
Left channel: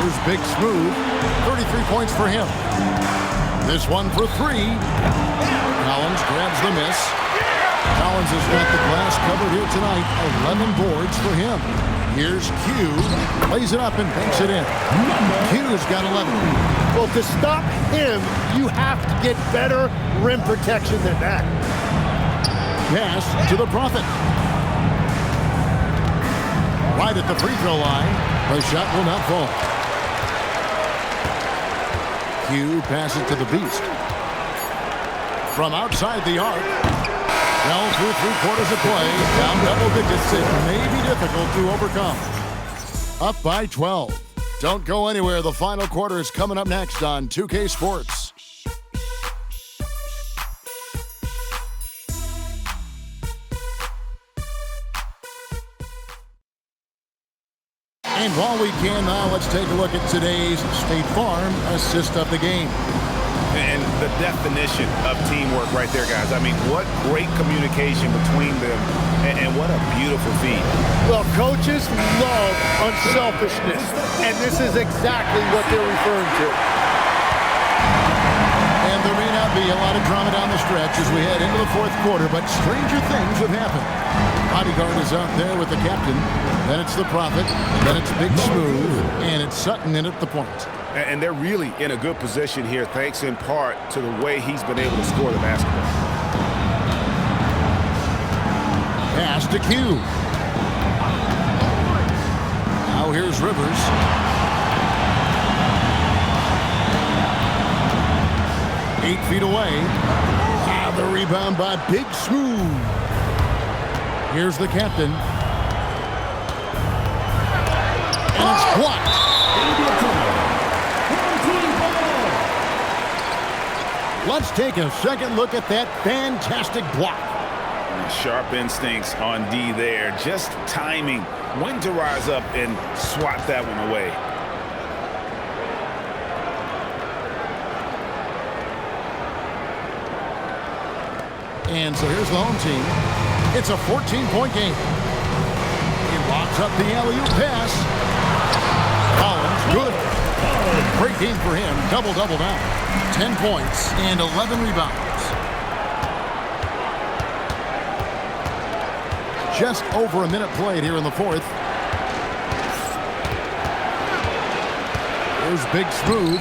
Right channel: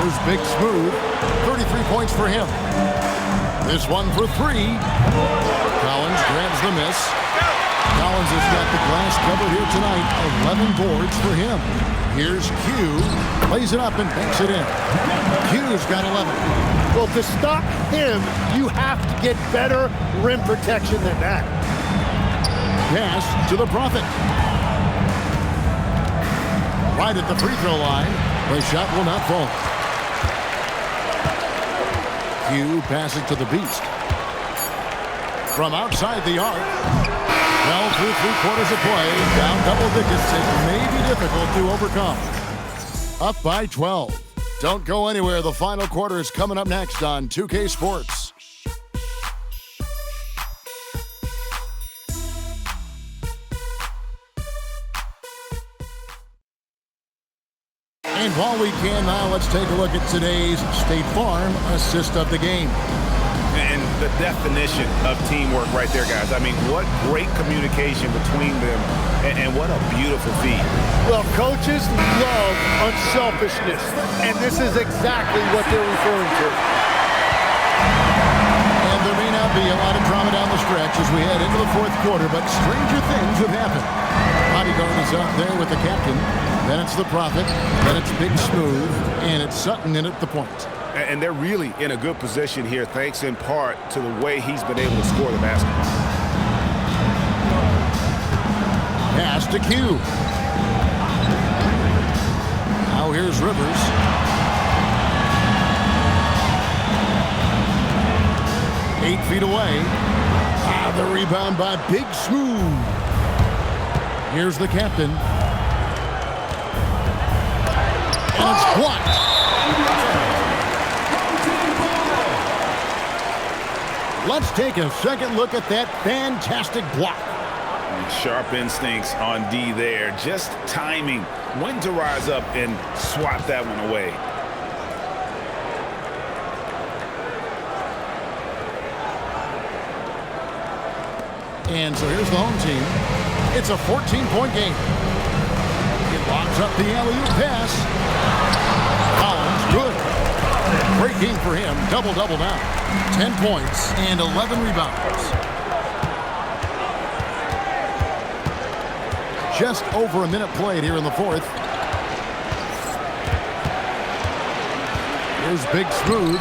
Here's Big Smooth. 33 points for him. This one for 3. Collins grabs the miss. Collins has got the glass covered here tonight. 11 boards for him. Here's Q. Plays it up and banks it in. Q's got 11. Well, to stop him, you have to get better rim protection than that. Pass to the Prophet. Right at the free throw line. The shot will not fall. Q passes to the Beast. From outside the arc. Well, through 3/4 of play, down double digits, it may be difficult to overcome. Up by 12. Don't go anywhere. The final quarter is coming up next on 2K Sports. And while we can now, let's take a look at today's State Farm assist of the game. And the definition of teamwork right there, guys. I mean, what great communication between them, and what a beautiful feed. Well, coaches love unselfishness, and this is exactly what they're referring to. And there may not be a lot of drama down the stretch as we head into the fourth quarter, but stranger things have happened. Bodyguard is out there with the captain. Then it's the Prophet. Then it's Big Smooth. And it's Sutton in at the point. And they're really in a good position here, thanks in part to the way he's been able to score the basketball. Pass to Q. Now here's Rivers. Eight feet away. The rebound by Big Smooth. Here's the captain. And it's blocked. Let's take a second look at that fantastic block. Sharp instincts on D there. Just timing when to rise up and swat that one away. And so here's the home team. It's a 14-point game. He locks up the alley-oop pass. Collins, good. Great game for him. Double-double now. 10 points and 11 rebounds. Just over a minute played here in the fourth. Here's Big Smooth.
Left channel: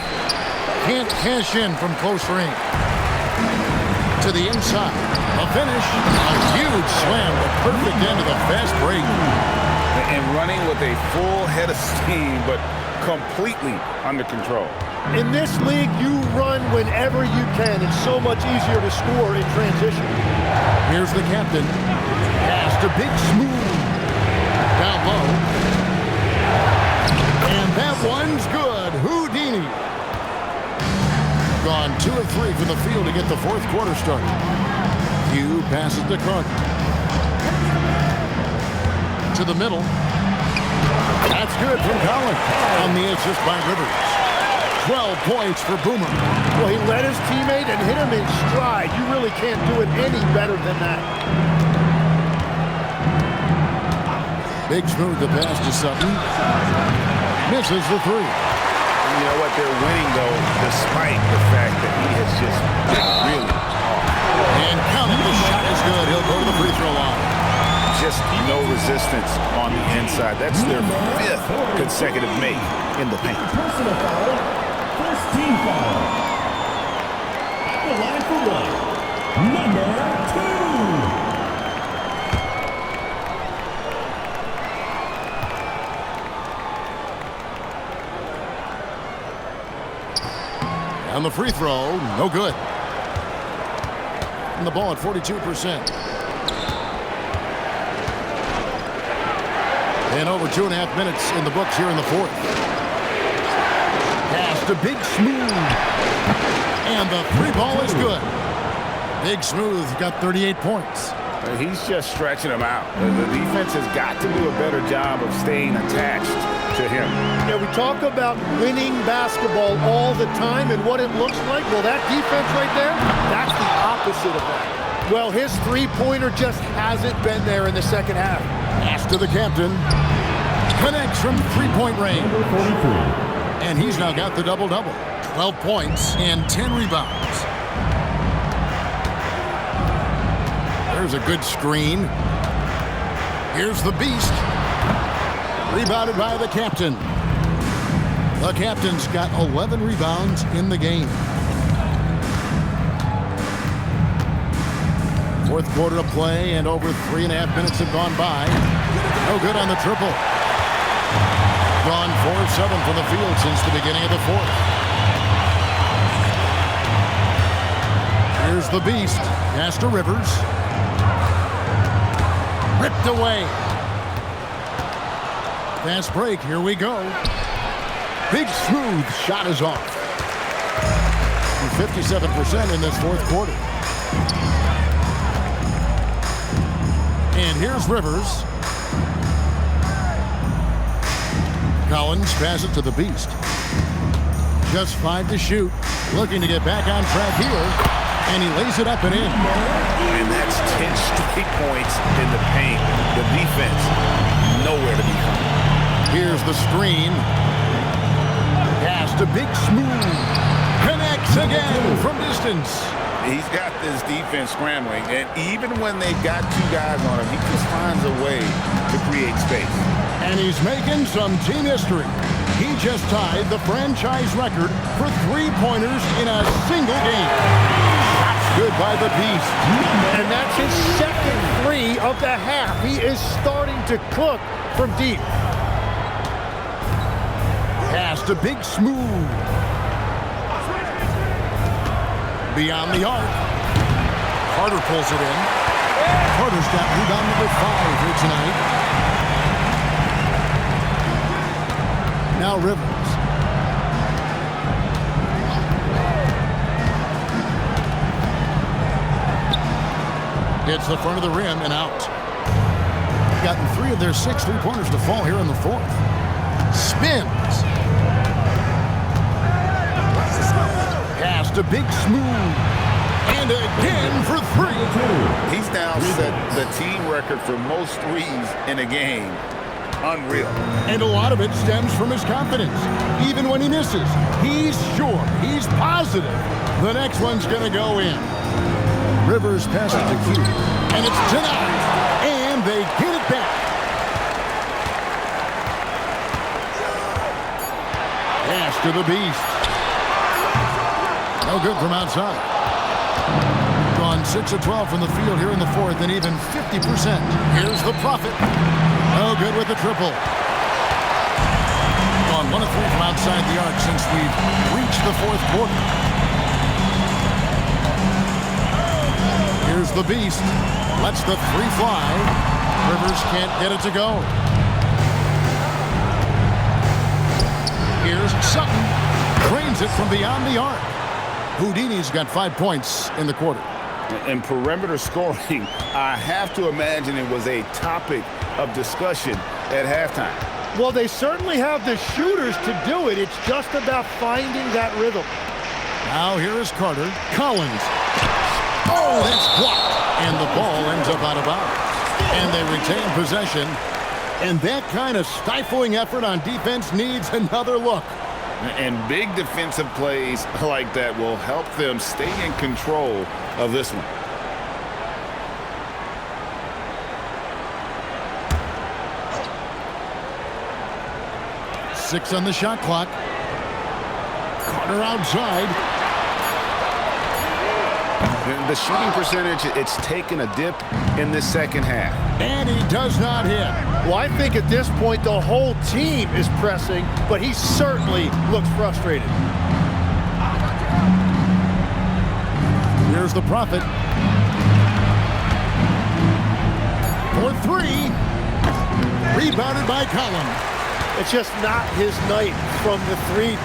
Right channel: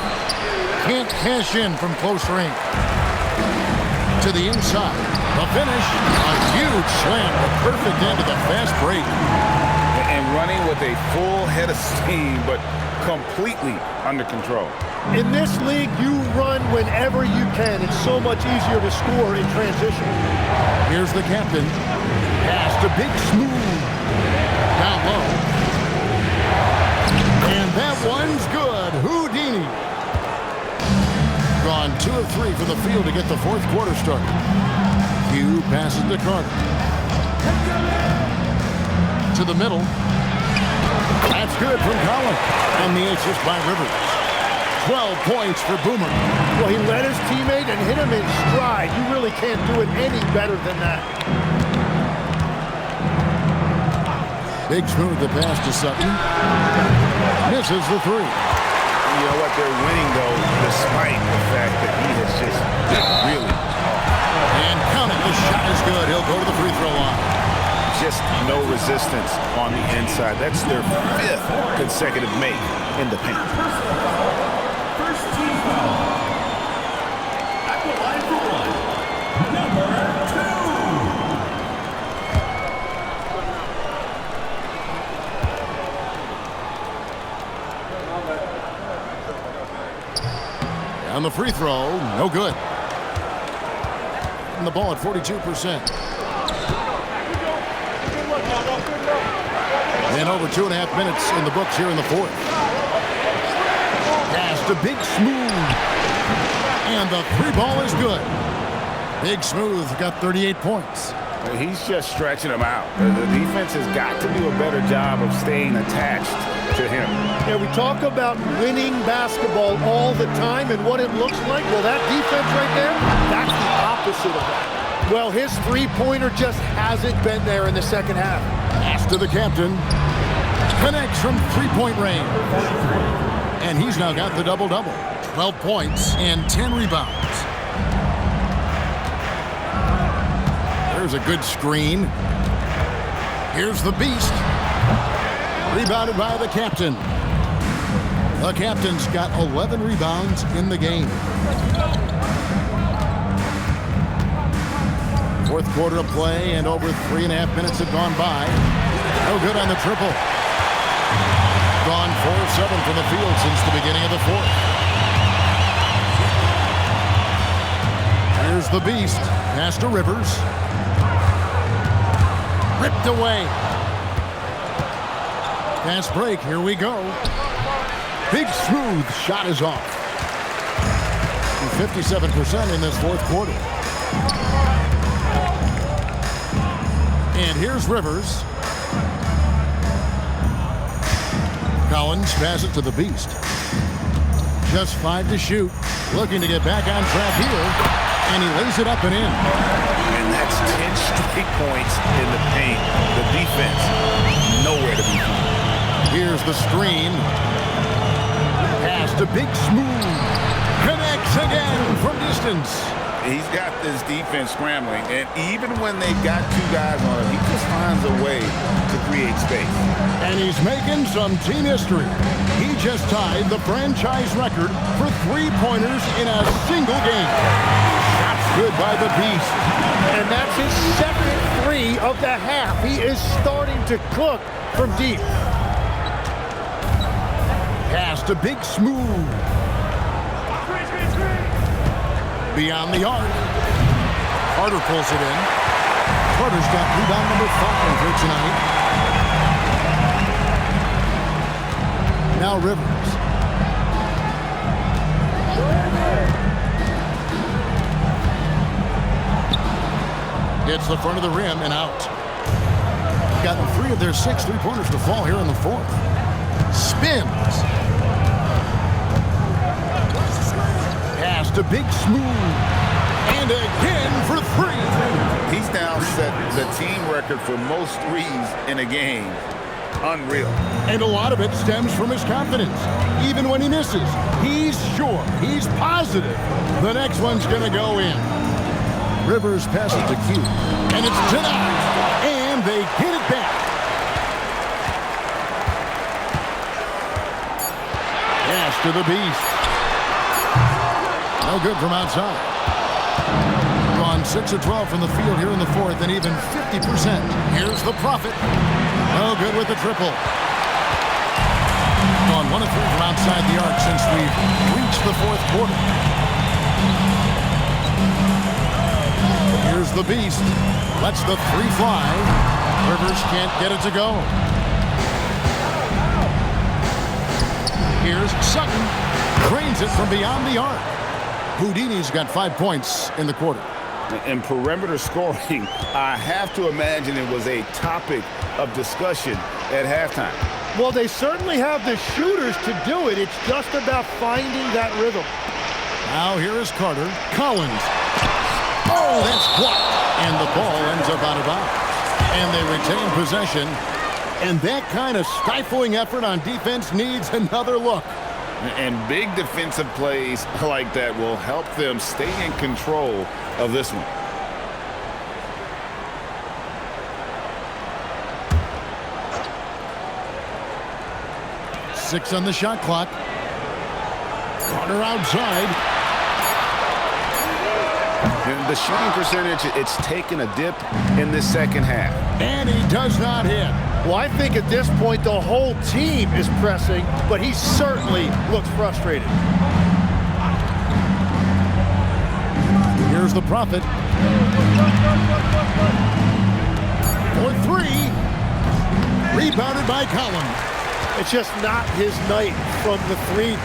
Can't cash in from close range. To the inside. The finish. A huge slam. The perfect end of the fast break. And running with a full head of steam, but completely under control. In this league, you run whenever you can. It's so much easier to score in transition. Here's the captain. Pass to Big Smooth. Down low. And that one's good. Houdini. Gone 2 of 3 from the field to get the fourth quarter started. Hugh passes to Carter. To the middle. That's good from Collins. On the assist by Rivers. 12 points for Boomer. Well, he led his teammate and hit him in stride. You really can't do it any better than that. Big Smooth the pass to Sutton. Misses the three. You know what? They're winning, though, despite the fact that he has just been really off. And count it. The shot is good. He'll go to the free throw line. Just no resistance on the inside. That's their 5th consecutive make in the paint. Personal foul. First team foul. At the line for one. Number 2. On the free throw, no good. And the ball at 42%. And over 2.5 minutes in the books here in the fourth. Pass to Big Smooth. And the three ball is good. Big Smooth got 38 points. He's just stretching them out. The defense has got to do a better job of staying attached to him. Yeah, we talk about winning basketball all the time and what it looks like. Well, that defense right there, that's the opposite of that. Well, his three-pointer just hasn't been there in the second half. Pass to the captain. Connects from three-point range. 43. And he's now got the double-double. 12 points and 10 rebounds. There's a good screen. Here's the beast. Rebounded by the captain. The captain's got 11 rebounds in the game. Fourth quarter of play, and over 3.5 minutes have gone by. No good on the triple. Gone 4 of 7 from the field since the beginning of the fourth. Here's the beast. Pass to Rivers. Ripped away. Fast break. Here we go. Big Smooth shot is off. 57% in this fourth quarter. And here's Rivers. Collins passes it to the beast. Just 5 to shoot. Looking to get back on track here. And he lays it up and in. And that's 10 straight points in the paint. The defense, nowhere to be found. Here's the screen. Pass to Big Smooth. Connects again from distance. He's got this defense scrambling, and even when they've got 2 guys on him, he just finds a way to create space. And he's making some team history. He just tied the franchise record for three-pointers in a single game. Shots good by the beast. And that's his second 3 of the half. He is starting to cook from deep. Pass to Big Smooth. Beyond the arc. Carter pulls it in. Carter's got rebound number 5 here tonight. Now Rivers. Hits the front of the rim and out. Gotten 3 of their 6 3-pointers to fall here in the fourth. Spins. Pass to Big Smooth. And again for 3. He's now set the team record for most threes in a game. Unreal. And a lot of it stems from his confidence. Even when he misses, he's sure, he's positive the next one's going to go in. Rivers passes to Q. And it's denied. And they get it back. Pass to the Beast. No good from outside. Gone 6 of 12 from the field here in the fourth and even 50%. Here's the Prophet. No good with the triple. Gone 1 of 3 from outside the arc since we've reached the fourth quarter. Here's the Beast. Lets the 3 fly. Rivers can't get it to go. Here's Sutton. Drains it from beyond the arc. Houdini's got 5 points in the quarter. And perimeter scoring, I have to imagine it was a topic of discussion at halftime. Well, they certainly have the shooters to do it. It's just about finding that rhythm. Now here is Carter. Collins. Oh, that's blocked. And the ball ends up out of bounds. And they retain possession. And that kind of stifling effort on defense needs another look. And big defensive plays like that will help them stay in control of this one. Six on the shot clock. Carter outside. And the shooting percentage, it's taken a dip in this second half. And he does not hit. Well, I think at this point the whole team is pressing, but he certainly looks frustrated. Here's the Prophet. For 3. Rebounded by Collins. It's just not his night from the 3,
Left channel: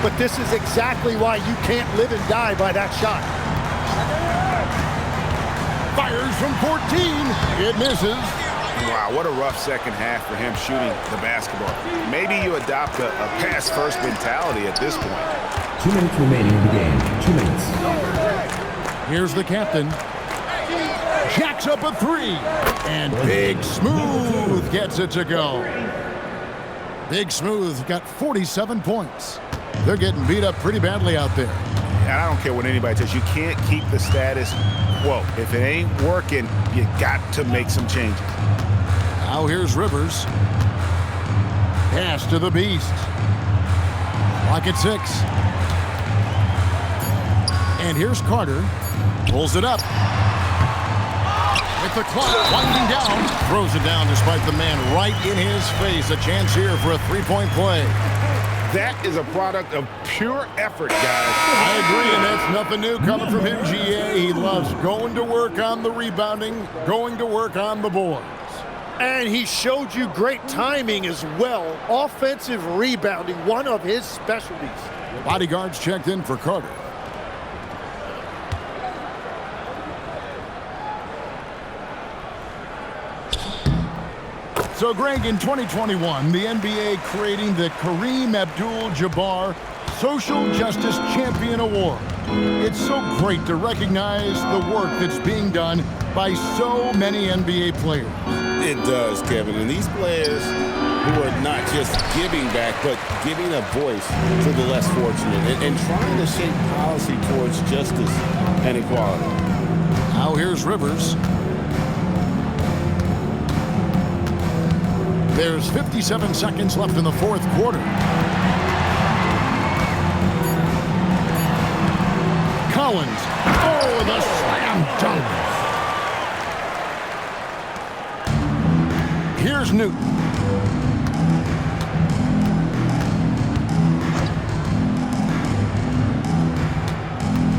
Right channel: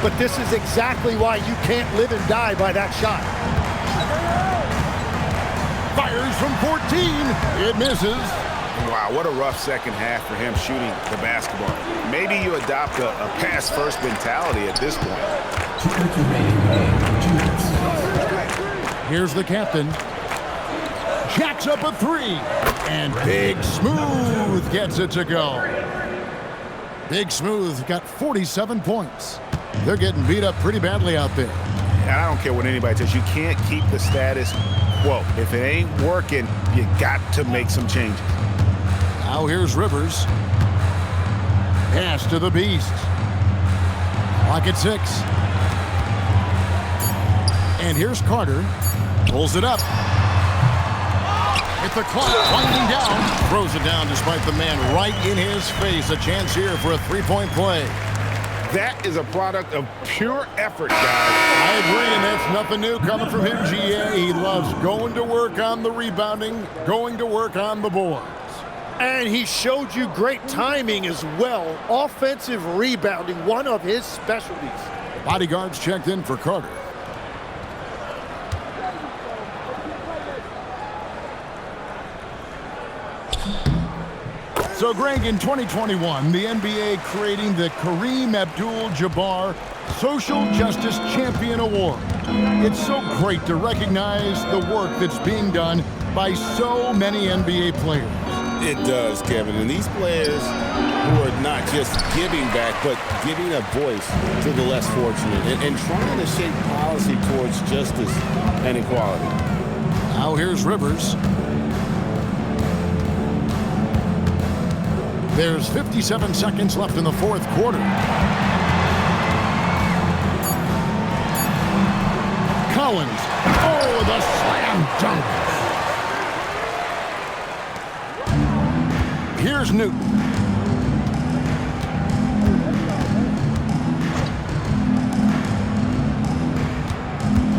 but this is exactly why you can't live and die by that shot. Fires from 14. It misses. Wow, what a rough second half for him shooting the basketball. Maybe you adopt a pass-first mentality at this point. 2 minutes remaining in the game. 2 minutes. Here's the captain. Jacks up a 3. And Big Smooth gets it to go. Big Smooth got 47 points. They're getting beat up pretty badly out there. And I don't care what anybody says. You can't keep the status quo. If it ain't working, you got to make some changes. Now here's Rivers. Pass to the Beast. Clock at 6. And here's Carter. Pulls it up. With the clock winding down. Throws it down despite the man right in his face. A chance here for a 3-point play. That is a product of pure effort, guys. I agree, and that's nothing new coming from him, GA. He loves going to work on the rebounding, going to work on the boards. And he showed you great timing as well. Offensive rebounding, one of his specialties. Bodyguards checked in for Carter. So, Greg, in 2021, the NBA creating the Kareem Abdul-Jabbar Social Justice Champion Award. It's so great to recognize the work that's being done by so many NBA players. It does, Kevin. And these players who are not just giving back, but giving a voice to the less fortunate and trying to shape policy towards justice and equality. Now here's Rivers. There's 57 seconds left in the fourth quarter. Collins. Oh, the slam dunk. Here's Newton.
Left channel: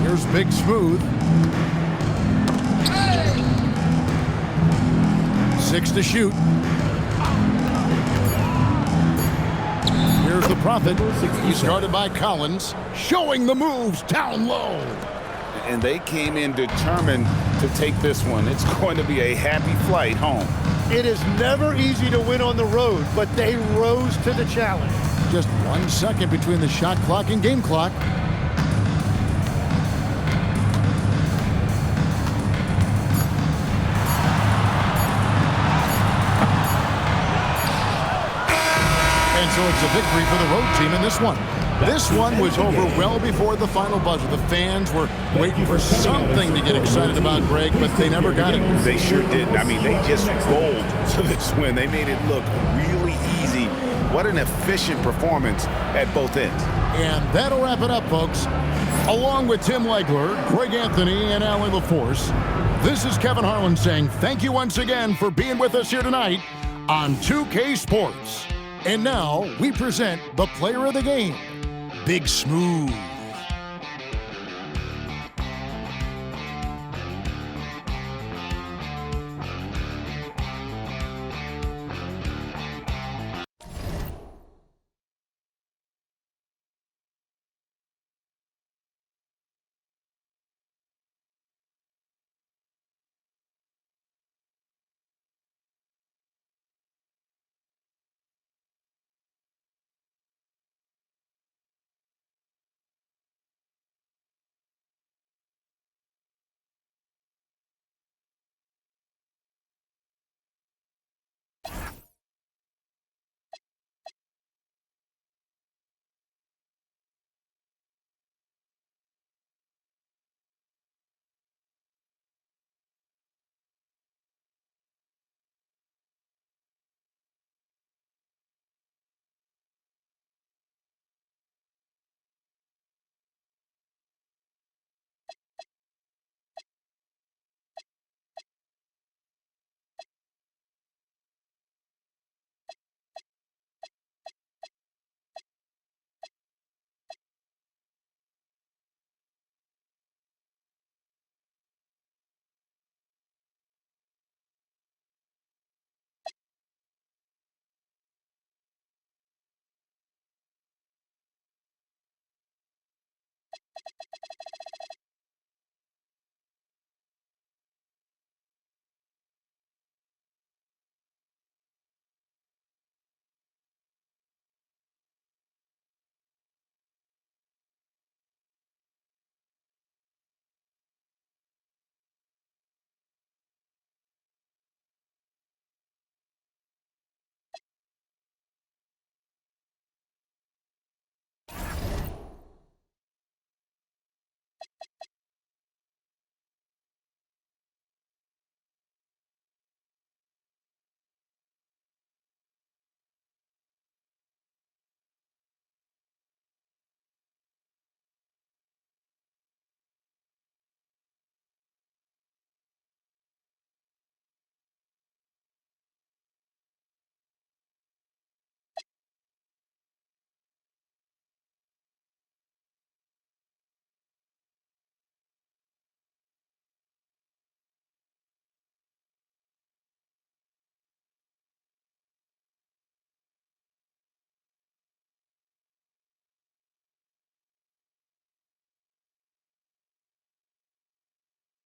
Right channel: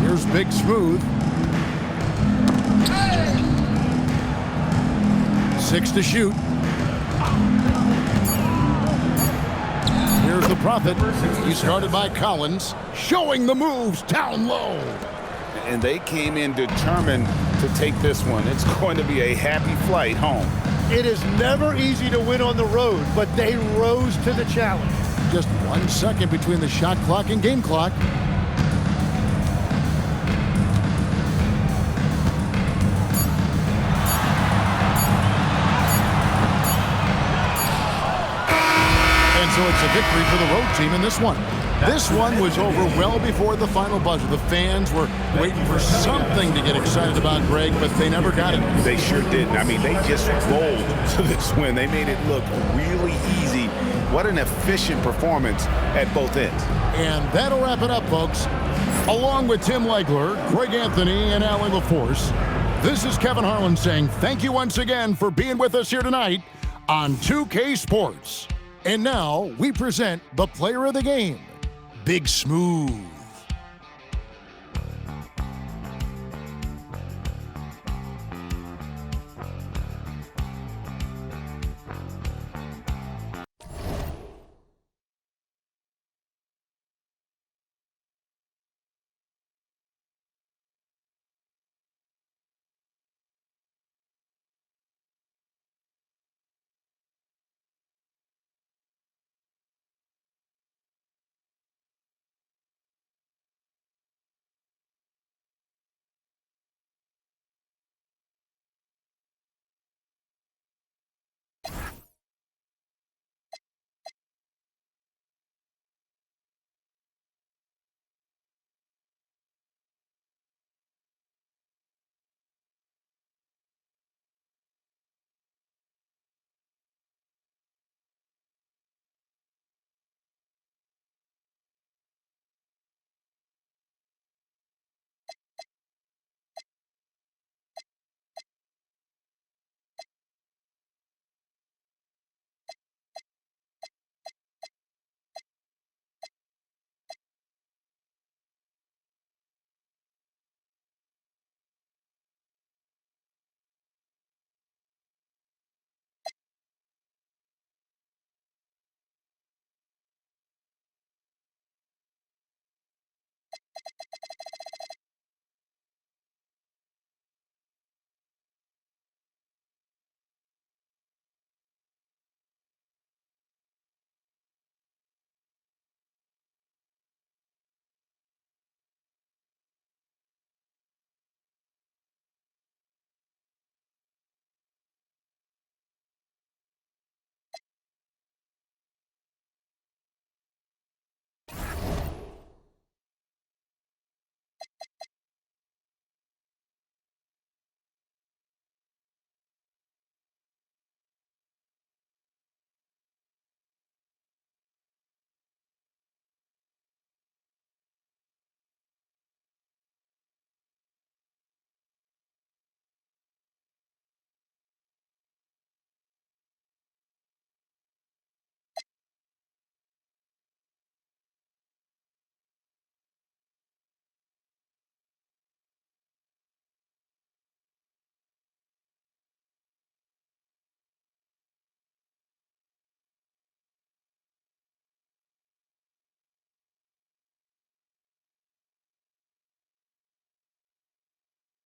Here's Big Smooth. 6 to shoot. Here's the Prophet. He's guarded by Collins, showing the moves down low. and they came in determined to take this one. It's going to be a happy flight home. It is never easy to win on the road, but they rose to the challenge. Just 1 second between the shot clock and game clock. And so it's a victory for the road team in this one. This one was over well before the final buzzer. The fans were waiting for something to get excited about, Greg, but they never got it. They sure didn't. I mean, they just rolled to this win. They made it look really easy. What an efficient performance at both ends. And that'll wrap it up, folks. Along with Tim Legler, Greg Anthony, and Allie LaForce, this is Kevin Harlan saying thank you once again for being with us here tonight on 2K Sports. And now we present the player of the game, Big Smooth.